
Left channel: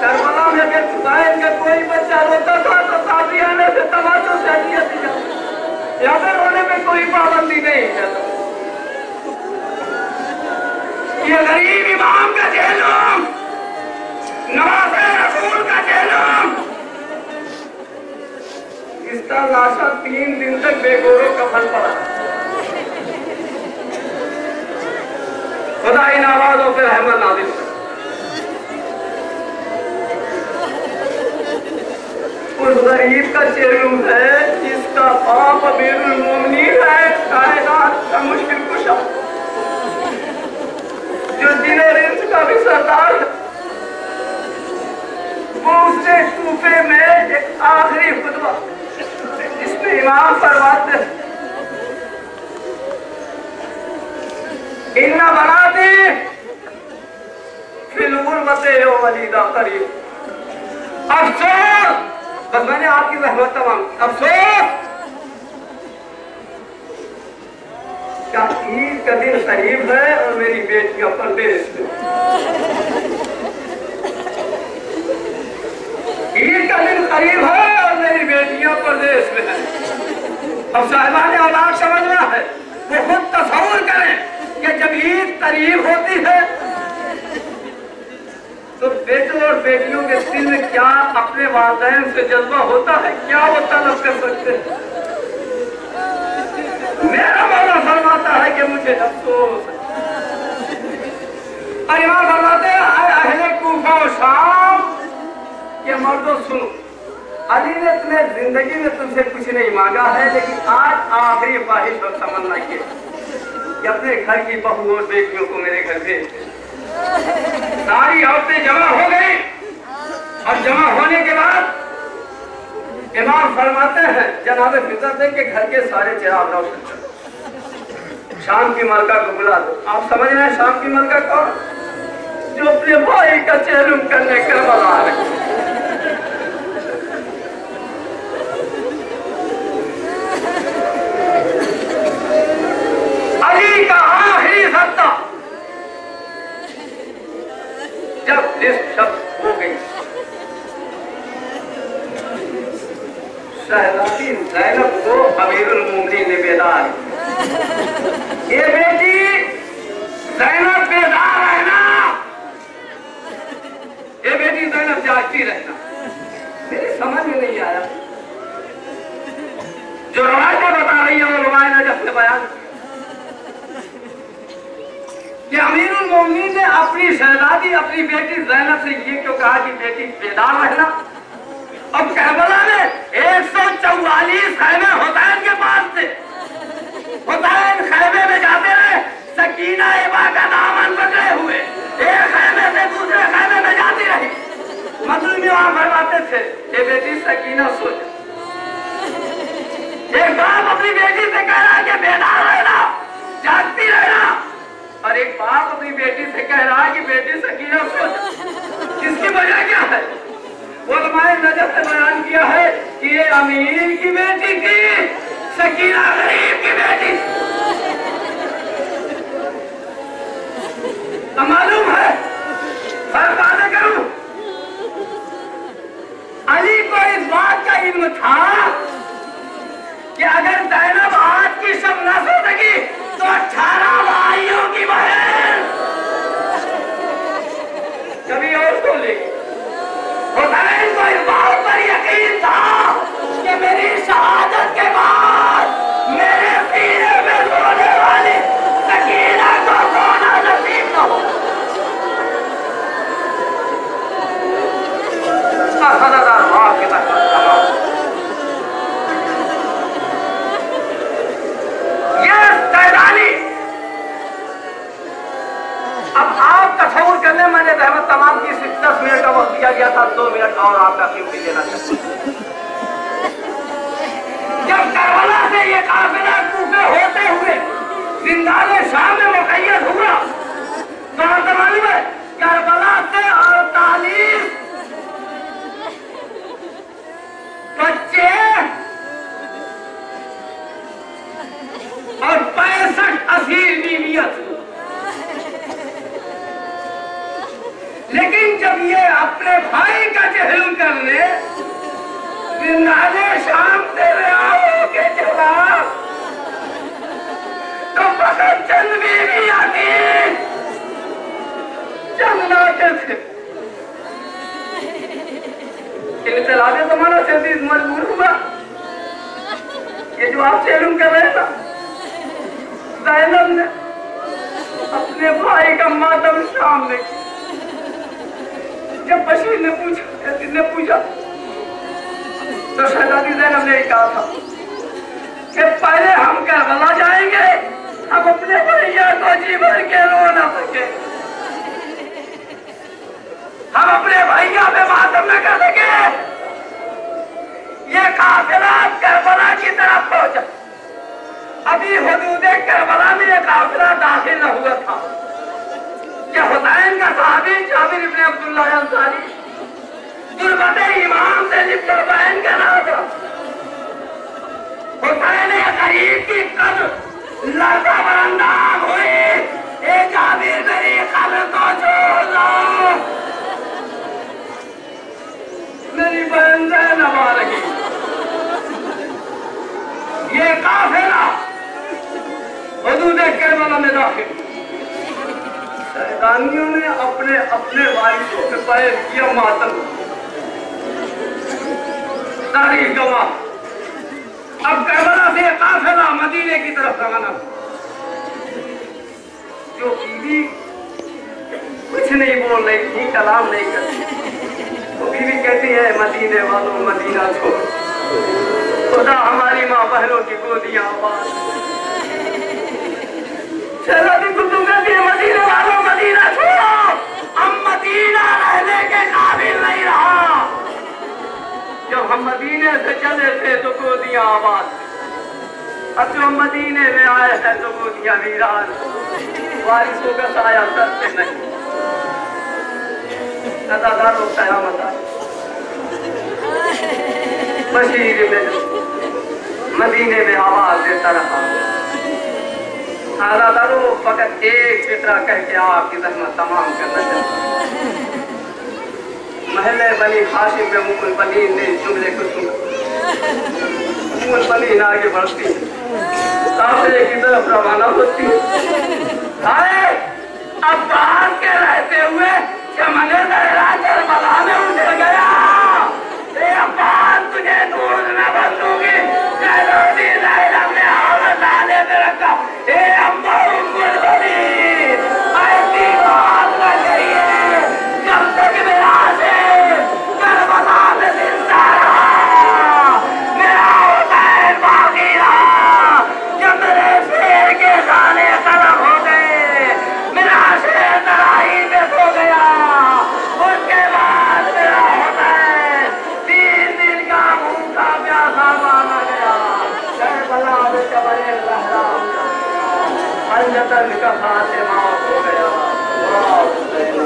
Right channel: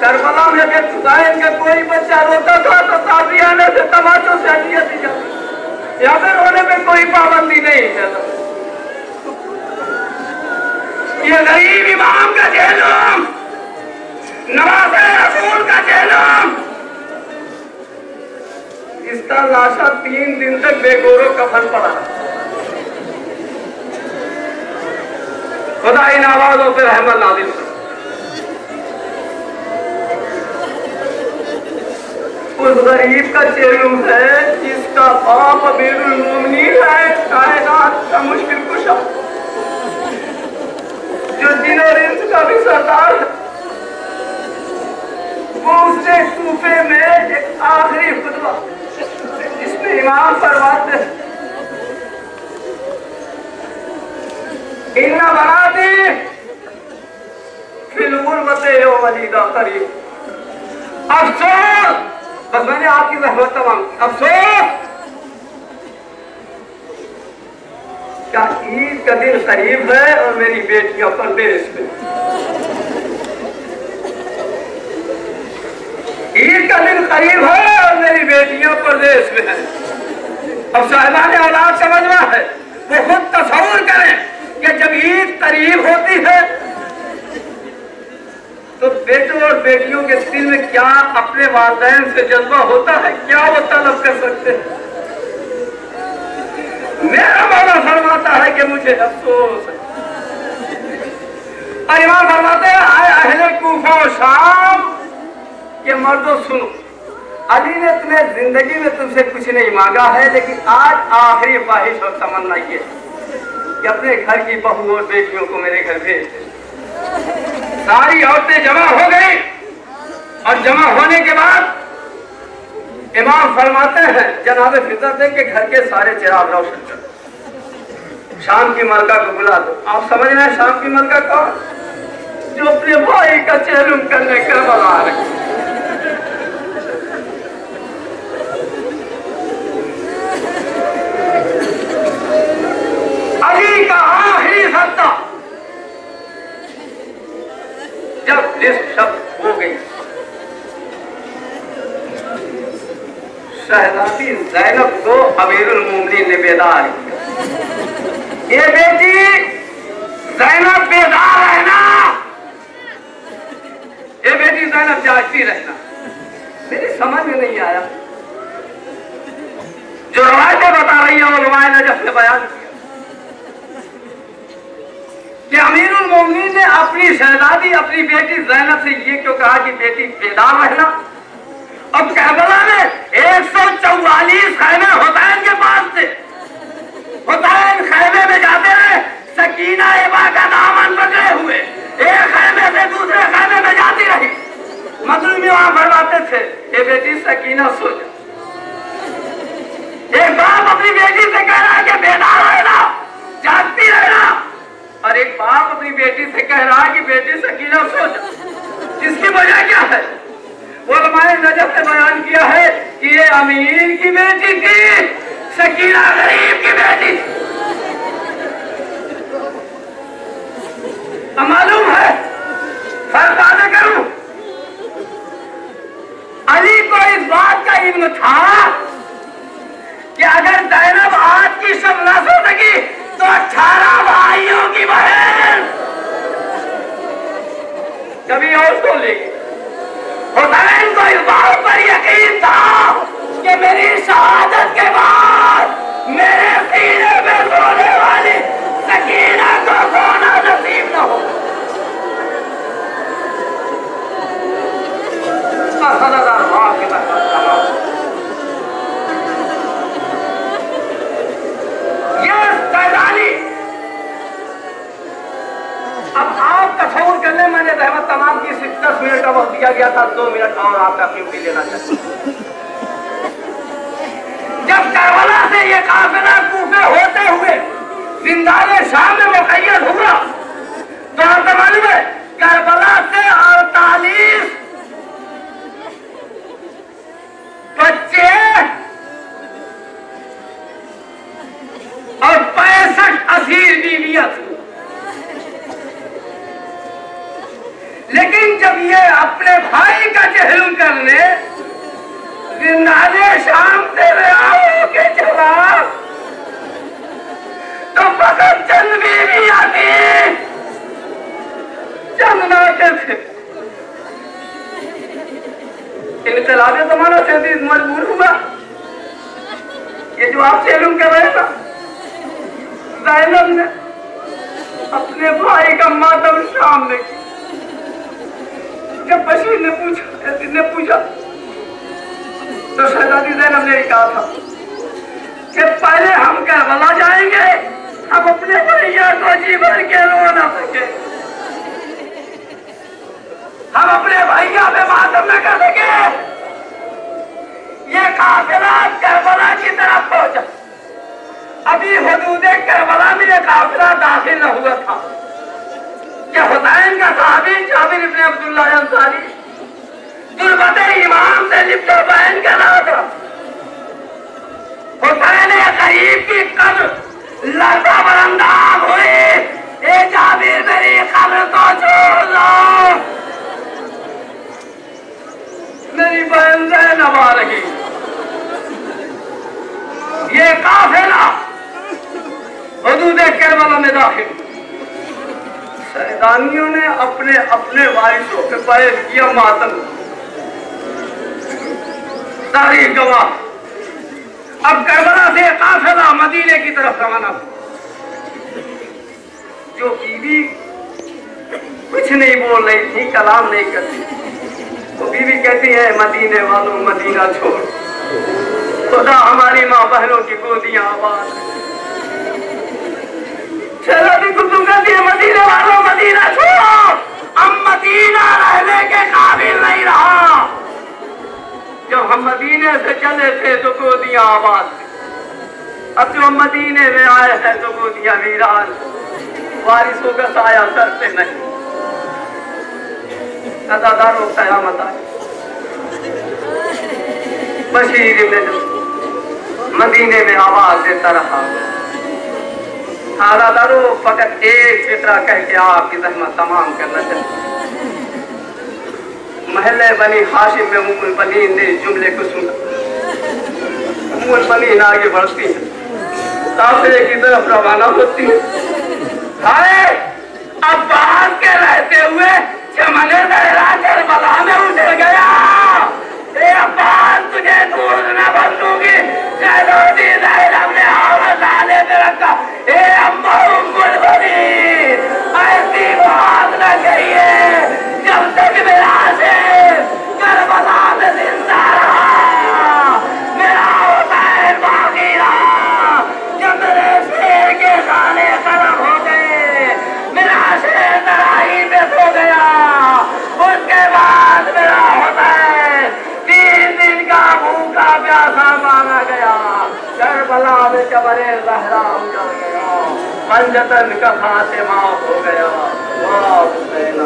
करबला में अगर हुसैन का कोई बच्चा रोता था तो ताजियाने से तमाचों से हदियत दी जाती। या फिर रोने में कोई पाबंदी नहीं है। ये गरीब इमाम का जेलूम, नवाज़े रसूल का जेलूम, इसका लाशा 3 दिन तक बेगोरो कफन पड़ा। खुदा इन आवाजों पे रहमत नाज़िल करे। उस गरीब का जेलूम है जिसका बाप अमीरुल मोमिनीन है, कायनात का मुश्किल कुशा, जो जिन और इंस का भी सरदार है। वो उसने कूफे में एक आखिरी खुतबा जिसमें इमाम फरमाते हैं, इन्ना बराती फिल गुरबते हो वलीदा करीब। अफसोस, बस मैंने आपकी रहमत तमाम। अफसोस क्या ईद का दिन करीब है और मेरी बेटियां परदेश में। ईद का दिन करीब है और मेरी बेटियां परदेश में हैं। अब साहिबान औलाद समझना है, वो खुद तस्वुर करें कि जब ईद करीब होती है तो बेटों और बेटियों के दिल में क्या अपने वालिदैन से जज्बा होता है, क्या वो तलब कर सकते हैं। मेरा मौला फरमाता है कि मुझे अफसोस है। और इमाम फरमाते हैं, आए अहले कूफा और शाम के मर्दों सुनो, अली ने तुम्हें जिंदगी में तुमसे कुछ नहीं मांगा है, लेकिन आज आखिरी ख्वाहिश और तमन्ना ये कि अपने घर की बहू और बेटियों को मेरे घर भेज दे। सारी औरतें जमा हो गई और जमा होने के बाद इमाम फरमाते हैं, जनाब फितरत है कि घर के सारे चिराग रोशन करो, शाम की मलका को बुला दो। आप समझ रहे हैं शाम की मलका कौन? जो अपने भाई का चेहलुम करने करबला आ रहे। अली का आखिरी सत्ता जब लिस्ट शब्द हो गई, शहजादी ज़ैनब को अमीरुल मोमिनीन ने बेदार किया। ये बेटी ज़ैनब बेदार रहना, ये बेटी ज़ैनब जागती रहना। मेरी समझ में नहीं आया, जो रवायतें बता रही हैं वो रवायत नजफ ने बयान किया कि अमीरुल मोमिनीन ने अपनी शहजादी अपनी बेटी ज़ैनब से ये क्यों कहा कि बेटी बेदार रहना। अब करबला में 144 खैमे हुसैन के पास थे। हुसैन खैमे में जाते रहे, सकीना इबा का दामन पकड़े हुए एक खैमे से दूसरे खैमे में जाती रही। मजलूम वहां फरमाते थे, ये बेटी सकीना सो जा। एक बाप अपनी बेटी से कह रहा है कि बेदार रहना, जागती रहना, और एक बाप अपनी बेटी से कह रहा है कि बेटी सकीना सो जा। इसकी वजह क्या है? उलमाए नजफ ने बयान किया है कि ये अमीर की बेटी थी, सकीना गरीब की बेटी। तो मालूम है, फर्क बातें करूं, अली को इस बात का इल्म था कि अगर ज़ैनब आज की शब न सो सकी तो 18 भाइयों की बहन कभी और सो लेगी। हुसैन को इस बात पर यकीन था कि मेरी शहादत के बाद मेरे सीने में 10 मिनट का वक्त दिया गया था, 2 मिनट और आपका कीमती लेना चाहिए। जब करबला से ये काफिला कूफे होते हुए जिंदाने शाम में मुकैयद हुआ तो आपको मालूम है करबला से 48 बच्चे और 65 असीर बीवियां थी। लेकिन जब ये अपने भाई का जहलुम करने जिंदाने शाम से आओ के चला तो फकत चंद बीवियां थी, चंद नाटे थे। इनकलाबे जमाना से मजबूर हुआ, ये जो आप जहलुम कर रहे हैं ना, ज़ैनब ने अपने भाई का मातम शाम में किया। जब बशीर ने पूछा तो शहजादी ज़ैनब ने कहा था कि पहले हम करबला जाएंगे, हम अपने भैया को जी भर के रो ना सके, हम अपने भैया पे मातम न कर सके। ये काफिला करबला की तरफ पहुंचा। अभी हुदूदे करबला में ये काफिला दाखिल न हुआ था कि हुसैन का साहबी जाबिर इब्न अब्दुल्लाह अंसारी गुरबते इमाम से लिप्त बयान कर रहा था। हुसैन गरीब की कब्र लड़का बरंदाज हुई, ए जाबिर मेरी कब्र को छोड़ दो, मेरी बहन ज़ैनब आ रही। ये काफिला हुदूदे करबला में दाखिल। शहदानियों ने अपने अपने वारिसों पे बयान किया मातम, तारीख गवाह। अब करबला से काफिला मदीने की तरफ रवाना हुआ। जो बीवी कुछ नहीं बोल रही थी, कलाम नहीं करती, तो बीवी कहती है मदीने वालों मदीना छोड़, खुदा हमारी माँ बहनों की गोदियां आबाद। शहजादी कुतुब कहती है मदीने वालों मदीना छोड़ो, अब मदीना रहने के काबिल नहीं रहा। जब हम मदीने से चले थे तो गोदियां आबाद थी, अब जो हम मदीने में आए हैं तो गोदियां वीरान, वारिसों का साया सर पे नहीं। अदादारों कयामत आई। बशीर इब्न मदीने में आवाज देता रहा, अदादारों फकत एक फितरा कह के आपकी ज़हमत तमाम करना चाहिए। महल्ले बनी हाशिम में उम्मुल बनीन ने जुमले को सुना। उम्मुल बनीन आगे बढ़ती है, काफिले की तरफ रवाना होती है। अरे अब्बास के रहते हुए चमने दहरा करबला में उतर गया। ए अब्बास तुझे दूर न बंदूगी, शहजादी ज़ैनब ने औरत आने में रखा। ए अम्मा उम्मुल बनीन, ऐसी बात न कहिए, जब तक मेरा करबला में जिंदा रहा, मेरा हुसैन बाकी रहा। जब मेरे शेर के खाने खत्म हो गए, मेरा शेर तराई में सो गया, उसके बाद मेरा हुसैन 3 दिन का भूखा प्यासा मारा गया। करबला में कब्रे ज़हरा उजाड़ गया, पंजतन का खातिमा हो गया। वाह हुसैन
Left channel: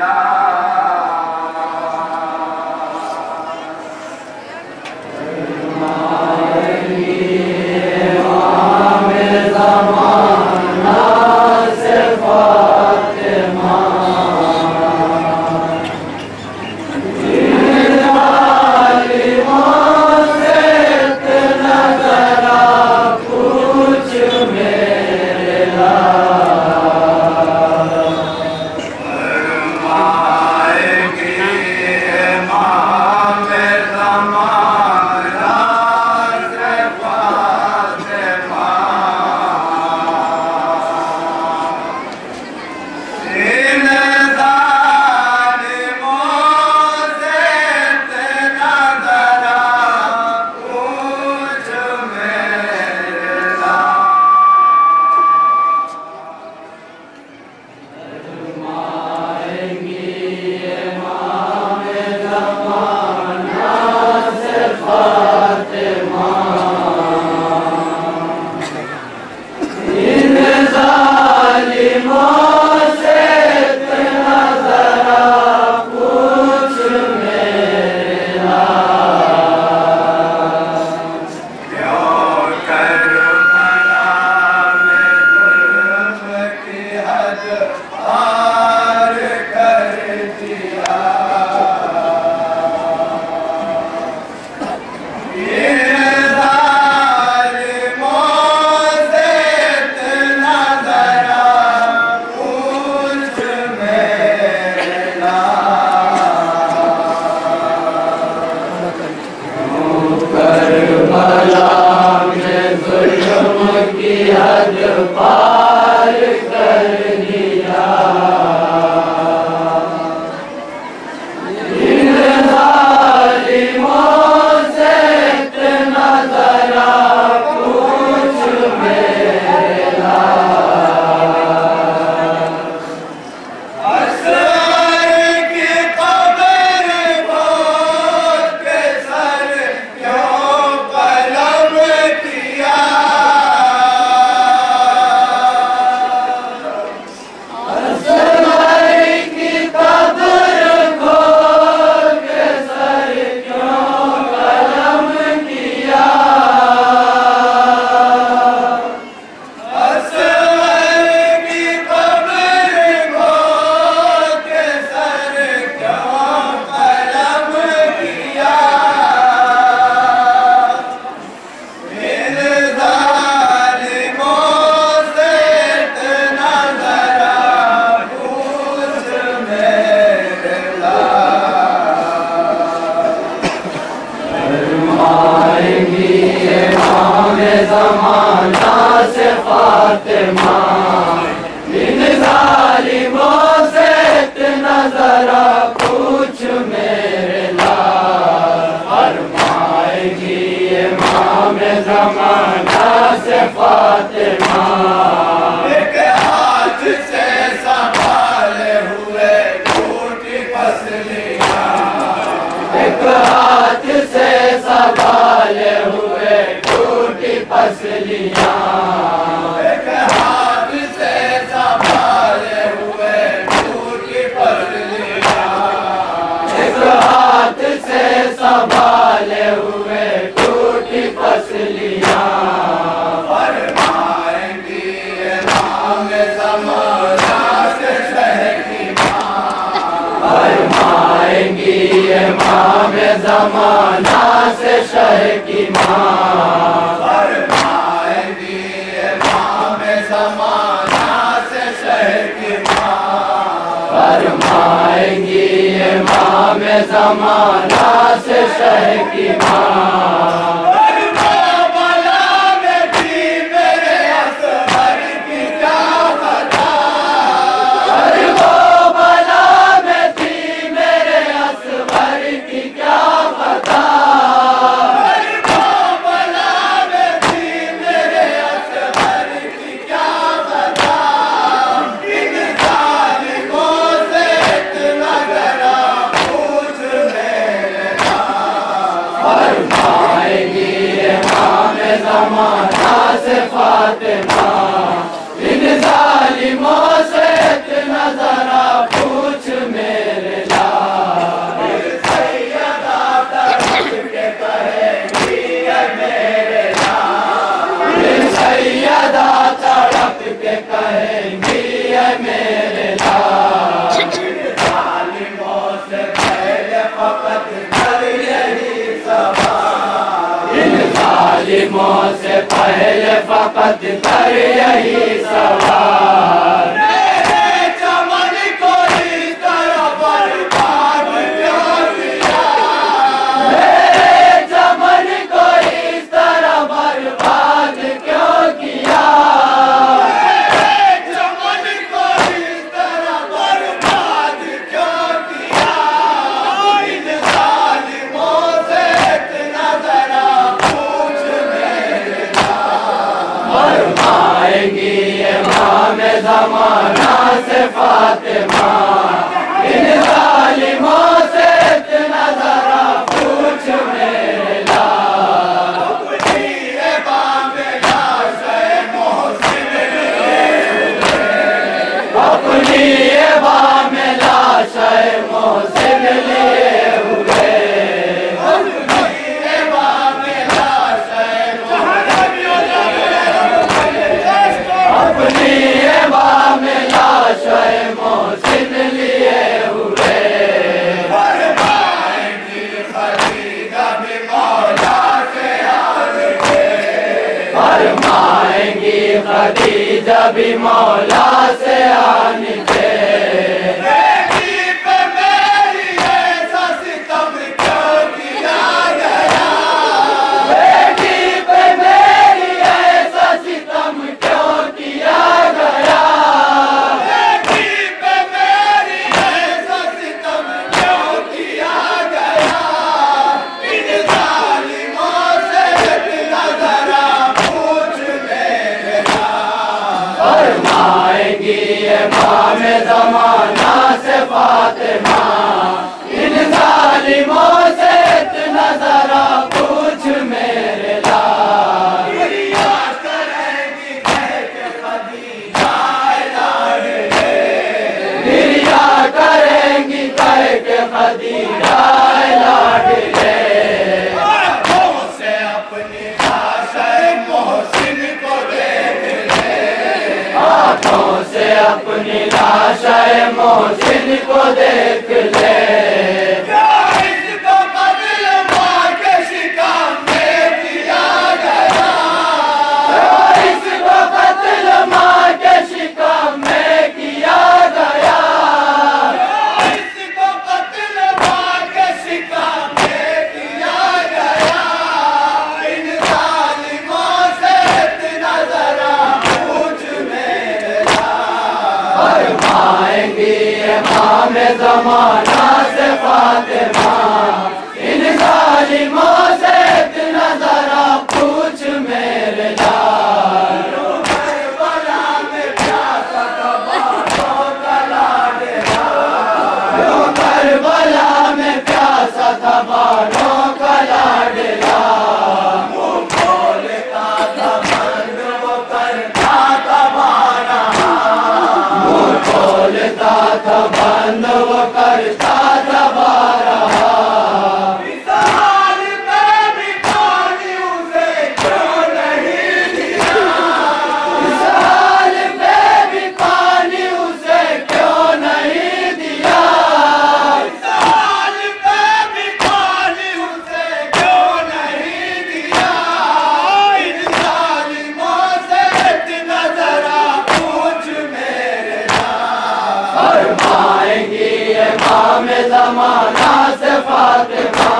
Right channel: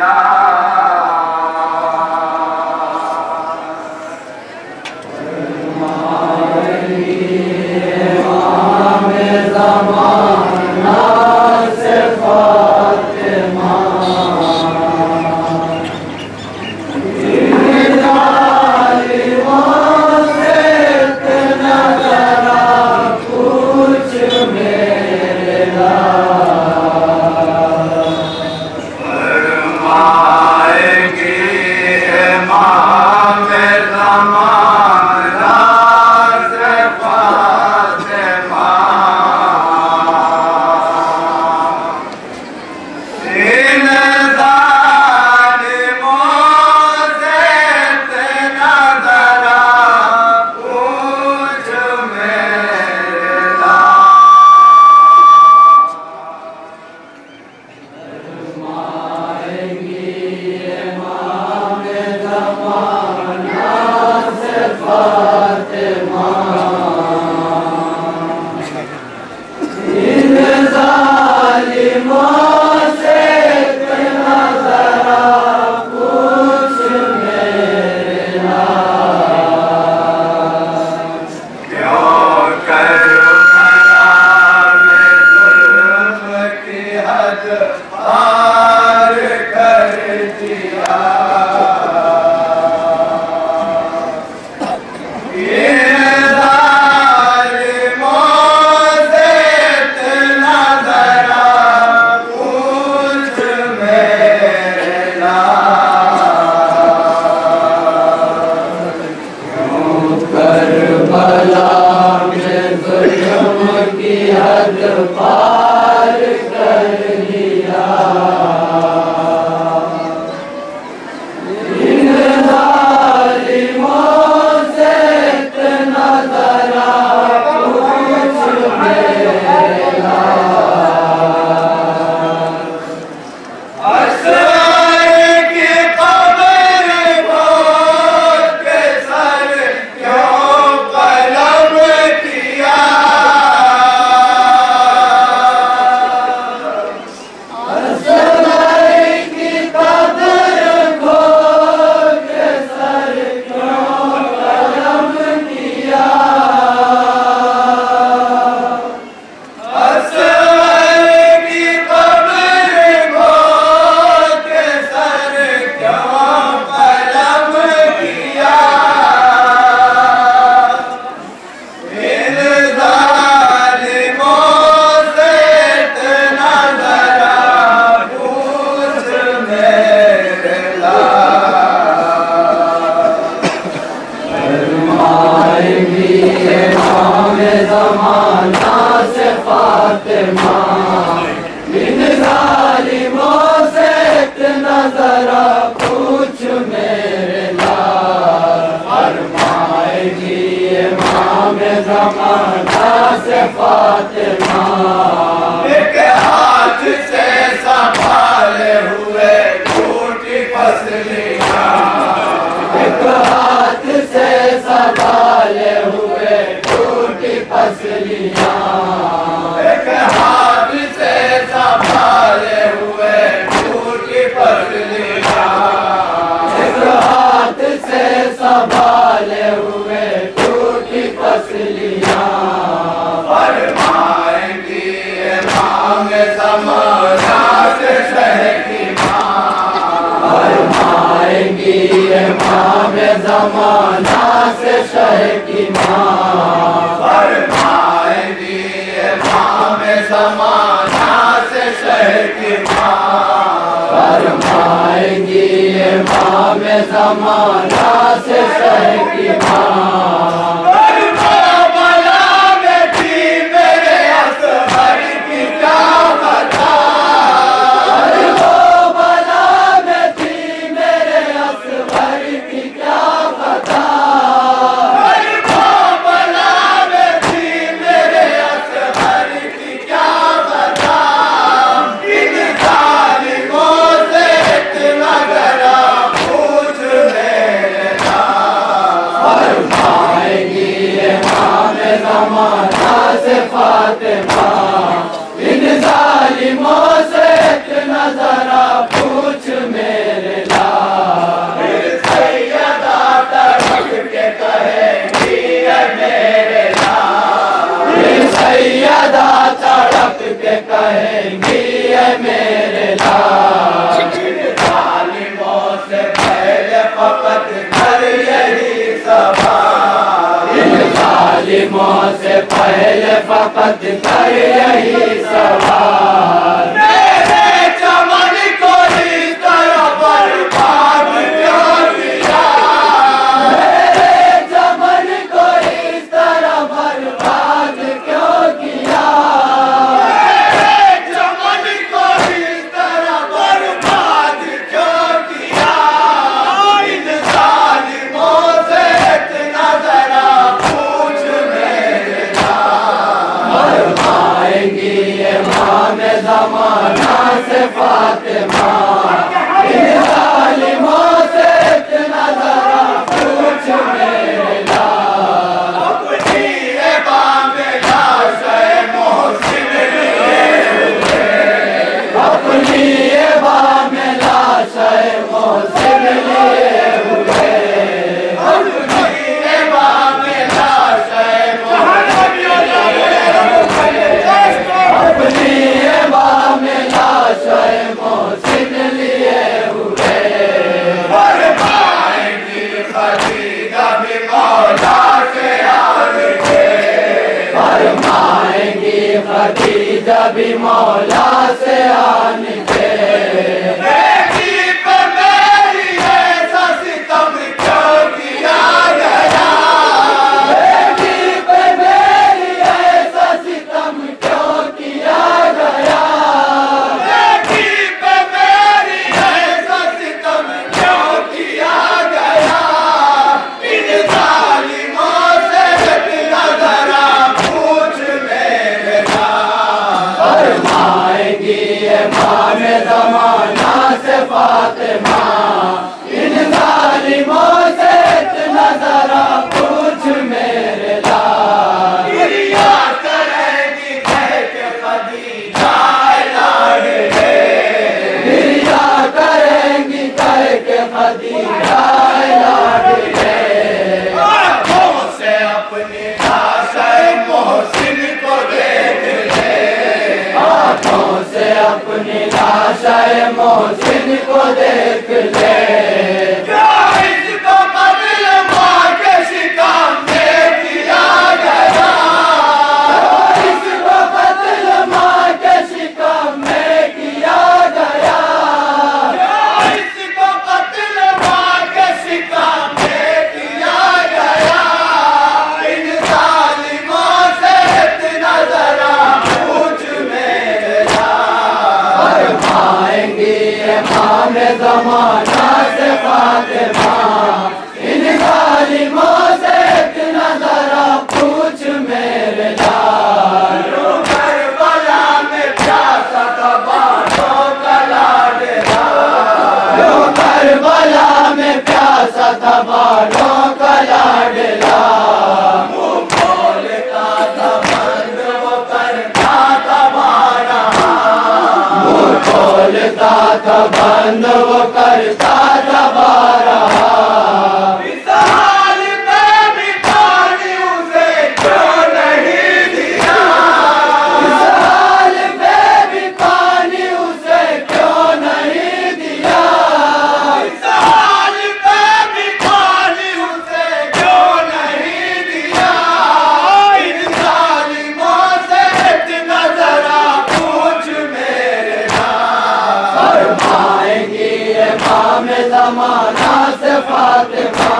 La हद पार कर लिया। इन जालिमों से इतना जरा पूछ मेरा। इन जालिमों से इतना जरा पूछ मेरे लाल। फरमाएगी इमाम ज़माना से फातिमा। एक हाथ से संभाले हुए टूटी पसलियाँ। एक हाथ से संभाले हुए टूटी पसलियाँ। संभाले हुए टूटी पसलियाँ। फरमाएंगी इमाम ज़माना से शह की माँ। फरमाएंगी इमाम ज़माना से शह की माँ। फरमाएंगी इमाम ज़माना से शह की माँ। फरमाएंगी इमाम ज़माना से शह की माँ। करबला में थी मेरे असगर की क्या खता। करबला में थी मेरे असगर की क्या खता। करबला में थी मेरे असगर की क्या खता। इन जालिमों से इतना जरा पूछ मेरे लाल। फरमाएगी इमाम ज़माना से फातिमा। इन जालिमों से इतना जरा पूछ मेरे लाल। सैयदा तड़प के कहेंगी है मेरे लाल। सैयदा तड़प के कहेंगी है मेरे लाल। जालिमों से पहले फकत कर यही सवाल। इन जालिमों से पहले फकत कर यही सवाल। मेरे चमन को इस तरह बर्बाद क्यों किया। मेरे चमन को इस तरह बर्बाद क्यों किया। मेरे चमन को इस तरह बर्बाद क्यों किया। इन जालिमों से इतना जरा पूछ मेरे लाल। फरमाएंगी इमाम ज़माना से फातिमा। इन जालिमों से इतना जरा पूछ मेरे लाल। अपनी इमाम लाश मोहसिन लिए हुए। अपनी इमाम लाश मोहसिन लिए हुए। अपनी इमाम लाश मोहसिन लिए हुए। अपनी इमाम लाश मोहसिन लिए हुए। फरमाएंगी खदीजा भी मौला से आन के। फरमाएंगी खदीजा भी मौला से आन के। बेटी पे मेरी ऐसा सितम क्यों किया गया। बेटी पे मेरी ऐसा सितम अपनी लाशा मोहसिन को देख ले। ज़माना से फातिमा इन जालिमों से इतना ज़रा पूछ मेरे लाल। करबला में प्यासा था बातों का लाडला, करबला में प्यासा था बातों का लाडला। मुँह खोलता था बंद वो करता था बारा, मुँह खोलता था बंद वो करता था बारा। इस हाल में भी पानी उसे क्यों नहीं दिया, इस हाल में भी पानी उसे क्यों नहीं दिया, इस हाल में भी पानी उसे क्यों नहीं दिया। इन जालिमों से इतना ज़रा पूछ मेरे लाल। फरमाएंगी इमाम ज़माना से फातिमा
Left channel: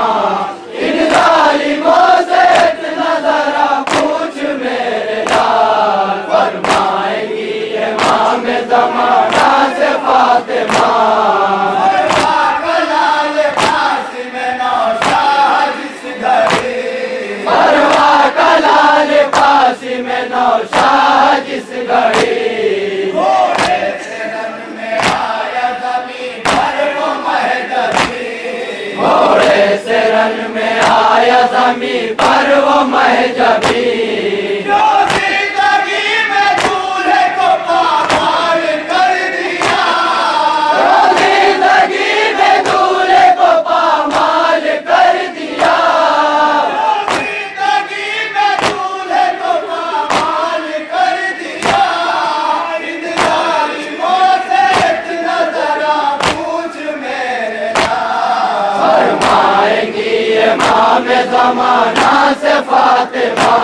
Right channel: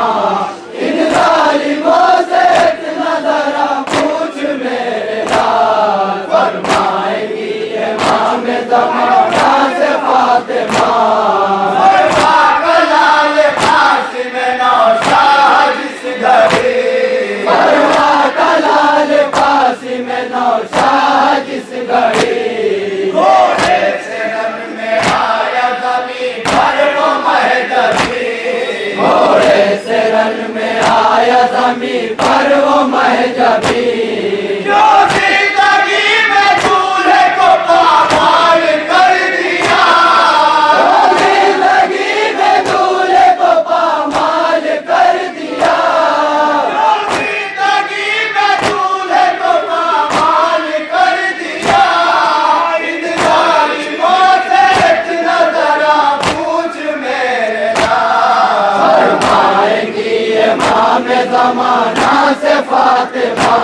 इन जालिमों से इतना ज़रा पूछ मेरे लाल। फरमाएंगी इमाम ज़माना से फातिमा। फरमा कलाल कासिम नौशाह जिस घड़ी, फरमा कलाल कासिम नौशाह जिस घड़ी। घोड़े से रन में आया ज़मीन पर वो महजबी, घोड़े से रन में आया ज़मीन पर वो महजबी। जो जिंदगी में दूल्हे को पामाल कर दिया, जो जिंदगी में दूल्हे को पामाल कर दिया, जो जिंदगी में दूल्हे को पामाल कर दिया। इन जालिमों से इतना ज़रा पूछ मेरे लाल। फरमाएंगी इमाम ज़माना से फातिमा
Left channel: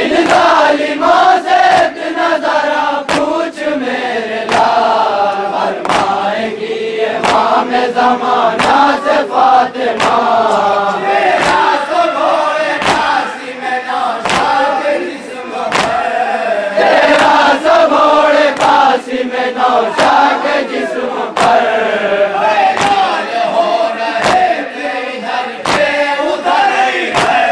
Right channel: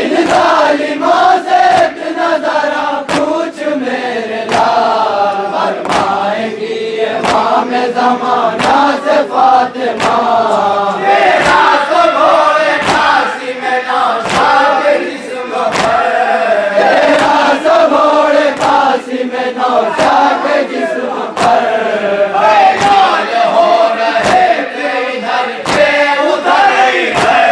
इन जालिमों से इतना ज़रा पूछ मेरे लाल। फरमाएंगी इमाम ज़माना से फातिमा। तेरा सो घोड़े कासिम नौशाह के जिस्म पर, तेरा सो घोड़े कासिम नौशाह के जिस्म पर। लाल हो रहे थे इधर के उधर इधर,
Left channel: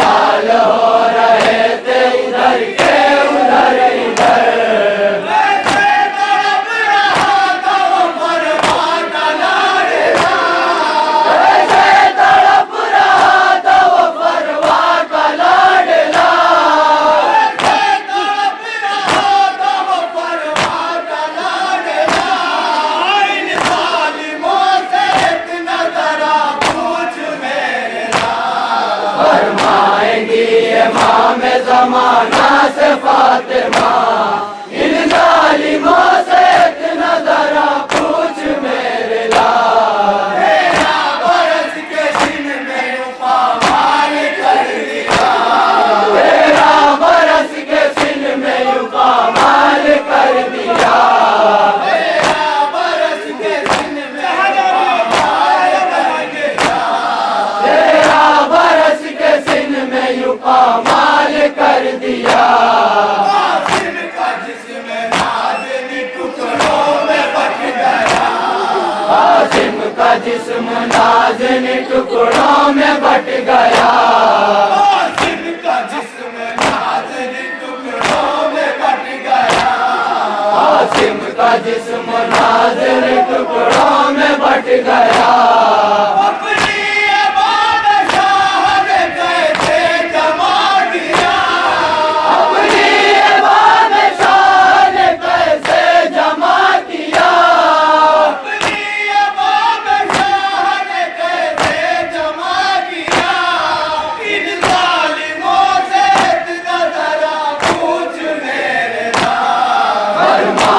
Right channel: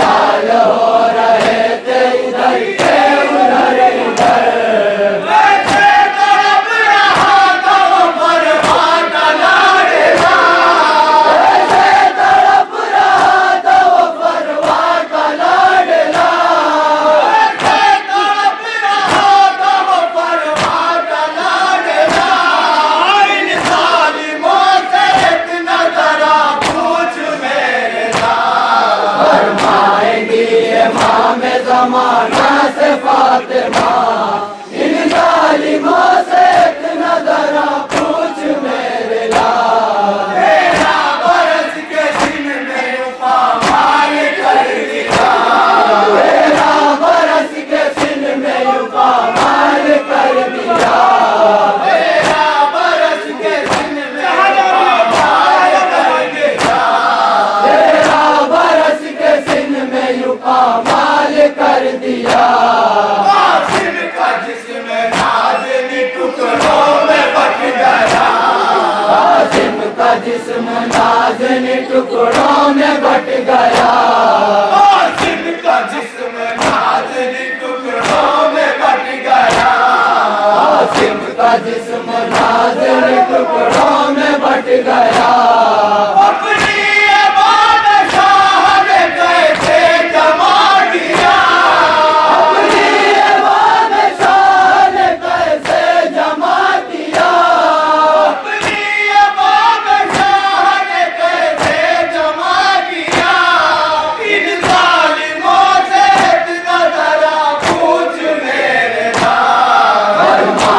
लाल हो रहे थे इधर के उधर इधर। वैसे तड़प रहा था वो फरमा का लाडला, वैसे तड़प रहा था वो फरमा का लाडला, वैसे तड़प रहा था वो फरमा का लाडला। इन जालिमों से इतना ज़रा पूछ मेरे लाल। फरमाएंगी इमाम ज़माना से फातिमा इन जालिमों से इतना ज़रा पूछ मेरे लाल। तेरा बरस के दिन में पामाल कर दिया, तेरा बरस के दिन में पामाल कर दिया, तेरा बरस के दिन में पामाल कर दिया, तेरा बरस के दिन में पामाल कर दिया। कासिम का जिस्म नाज़िनी टुकड़ों में बट गया, कासिम का जिस्म नाज़िनी टुकड़ों में बट गया, कासिम का जिस्म नाज़िनी टुकड़ों में बट गया, कासिम का जिस्म नाज़िनी टुकड़ों में बट गया। अपनी बादशाह ने कैसे जमा किया, अपनी बादशाह ने कैसे जमा किया, अपनी बादशाह ने कैसे जमा किया। इन जालिमों से इतना ज़रा पूछ मेरे लाल। फरमा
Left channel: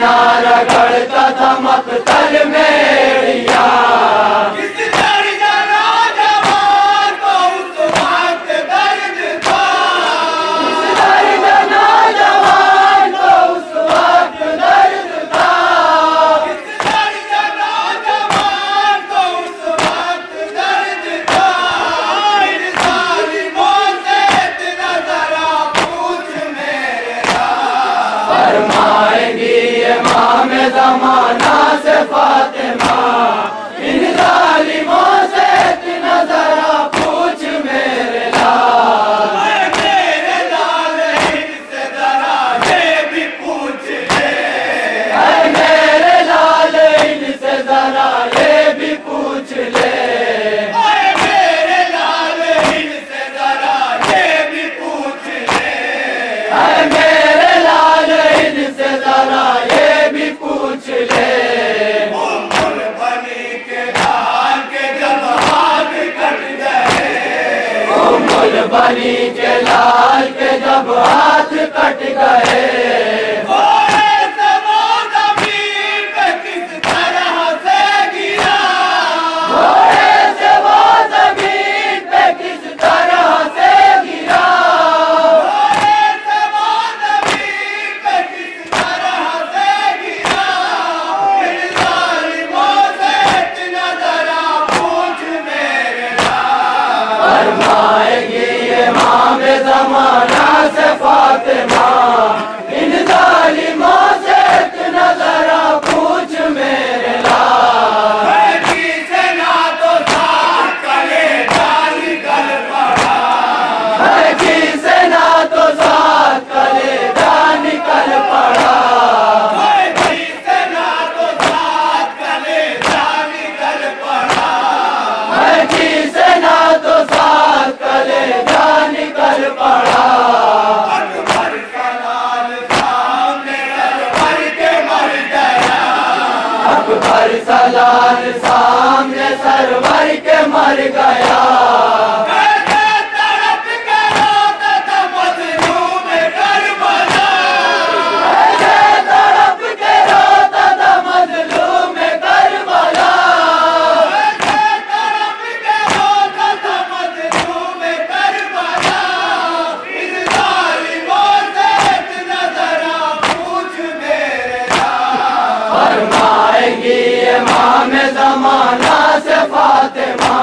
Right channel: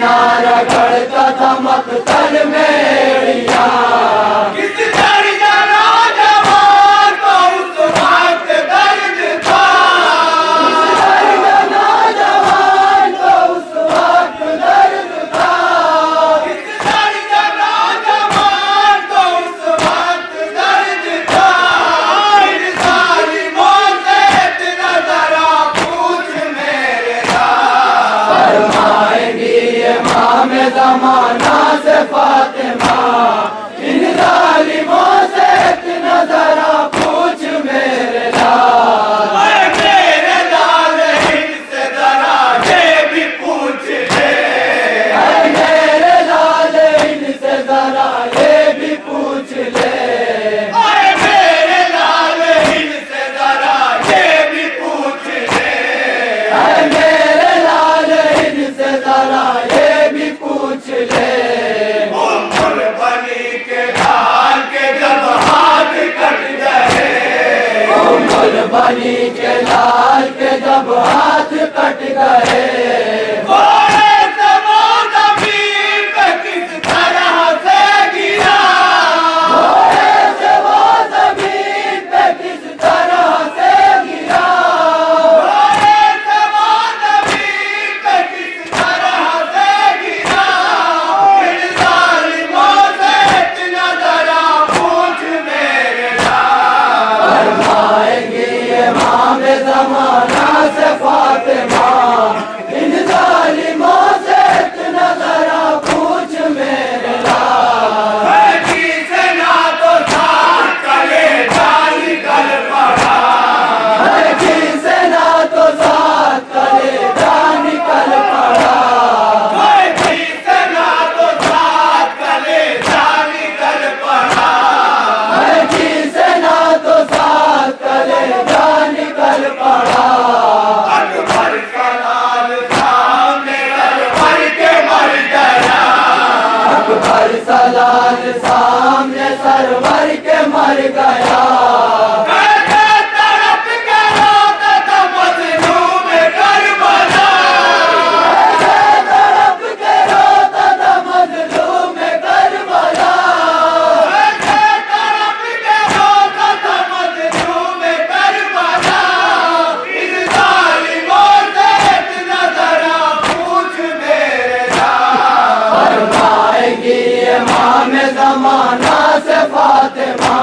ना रगड़ता था मकतल मेड़िया। किस दर्जा नौजवान को उस वक्त दर्द था, किस दर्जा नौजवान को उस वक्त दर्द था, किस दर्जा नौजवान को उस वक्त दर्द था। इन जालिमों से इतना जरा पूछ मेरे लाल। फरमाएंगी इमाम ज़माना से फातिमा, इन जालिमों से इतना जरा पूछ मेरे लाल। मेरे लाल इनसे जरा ये भी पूछ ले, मेरे लाल इनसे जरा ये भी पूछ ले, मेरे लाल इनसे जरा ये भी पूछ ले, मेरे लाल इनसे जरा ये भी पूछ ले। उम्मुल बनी के लाल के जब हाथ कट गए, उम्मुल बनी के लाल के जब हाथ कट गए, घोड़े से वो ज़मीन पे किस तरह से गिरा, घोड़े से वो ज़मीन पे किस तरह से गिरा, घोड़े से वो ज़मीन पे किस तरह से गिरा। इन जालिमों से इतना जरा पूछ मेरे लाल। फरमाएंगी इमाम ज़माना से फातिमा, इन जालिमों से इतना जरा पूछ मेरे लाल। किसे ना तो साथ कले जान निकल पड़ा, किसे ना तो साथ कले जान निकल पड़ा, किसे ना तो साथ कले जान निकल पड़ा, किसे ना तो साथ कले जान निकल पड़ा। अकबर का लाल सामने सरवर के मर गया, अकबर का लाल सामने सरवर के मर गया। कैसे तड़प के रोता था मजलूम करबला, कैसे तड़प के रोता था मजलूम करबला, कैसे तड़प के रोता था मजलूम करबला। इन जालिमों से इतना जरा पूछ मेरे लाल। फरमाएंगी इमाम ज़माना से फातिमा,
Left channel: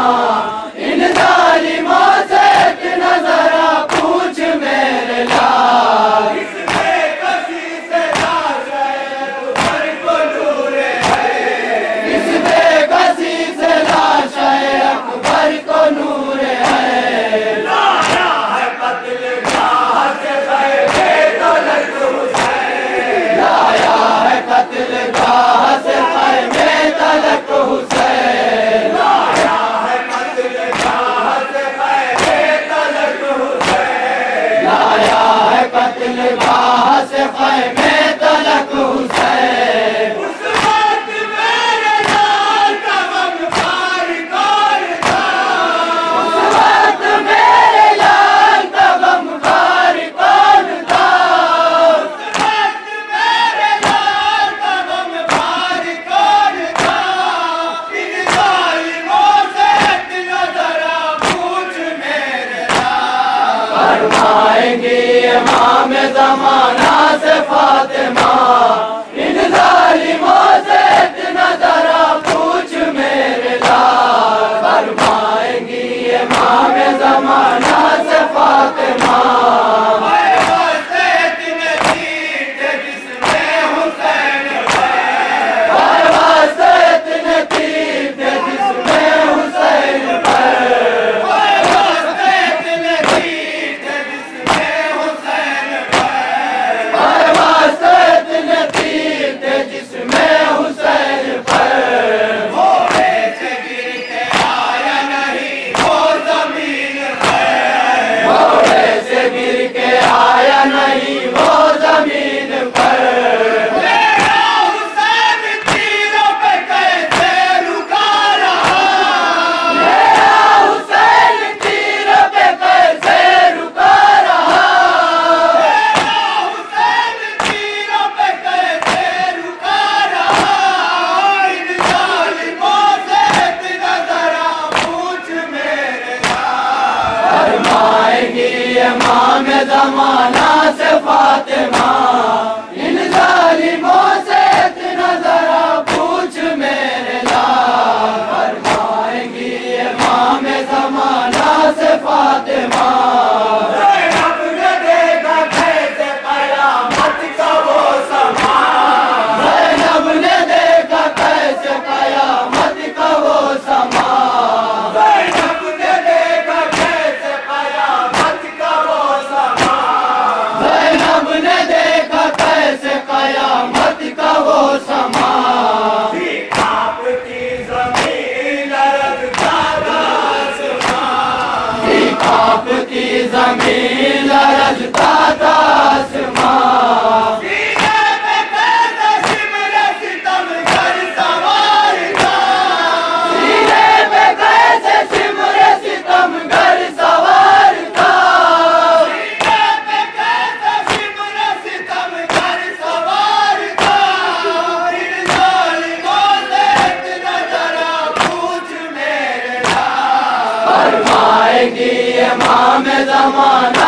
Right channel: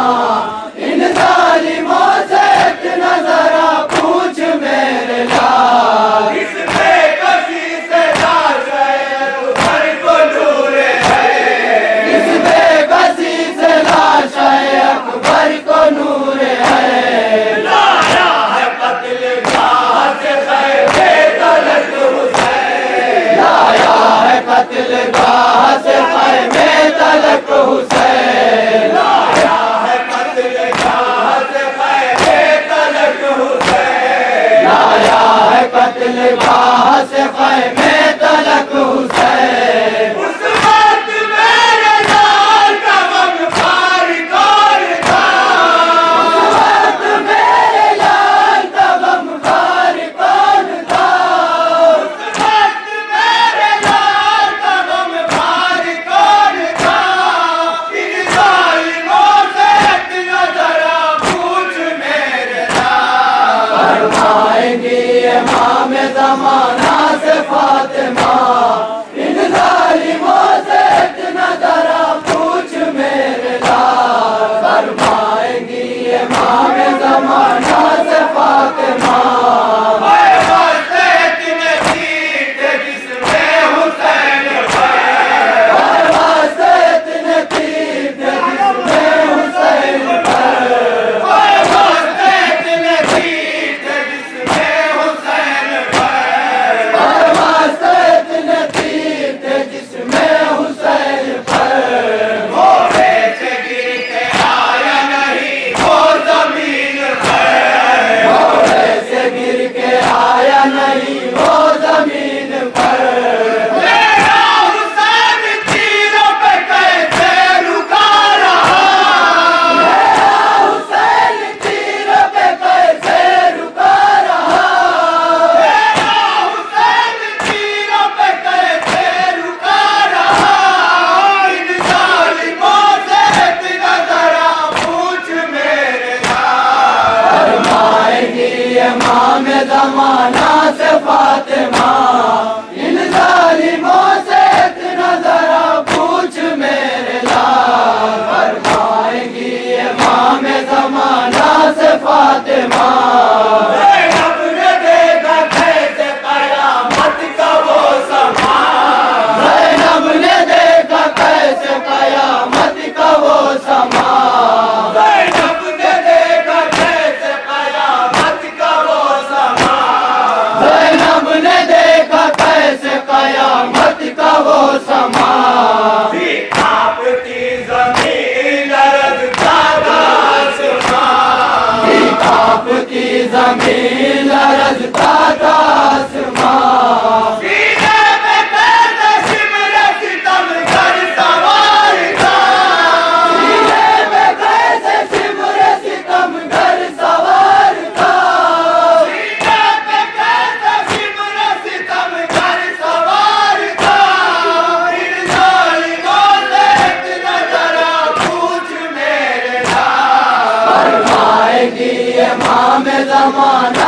अमान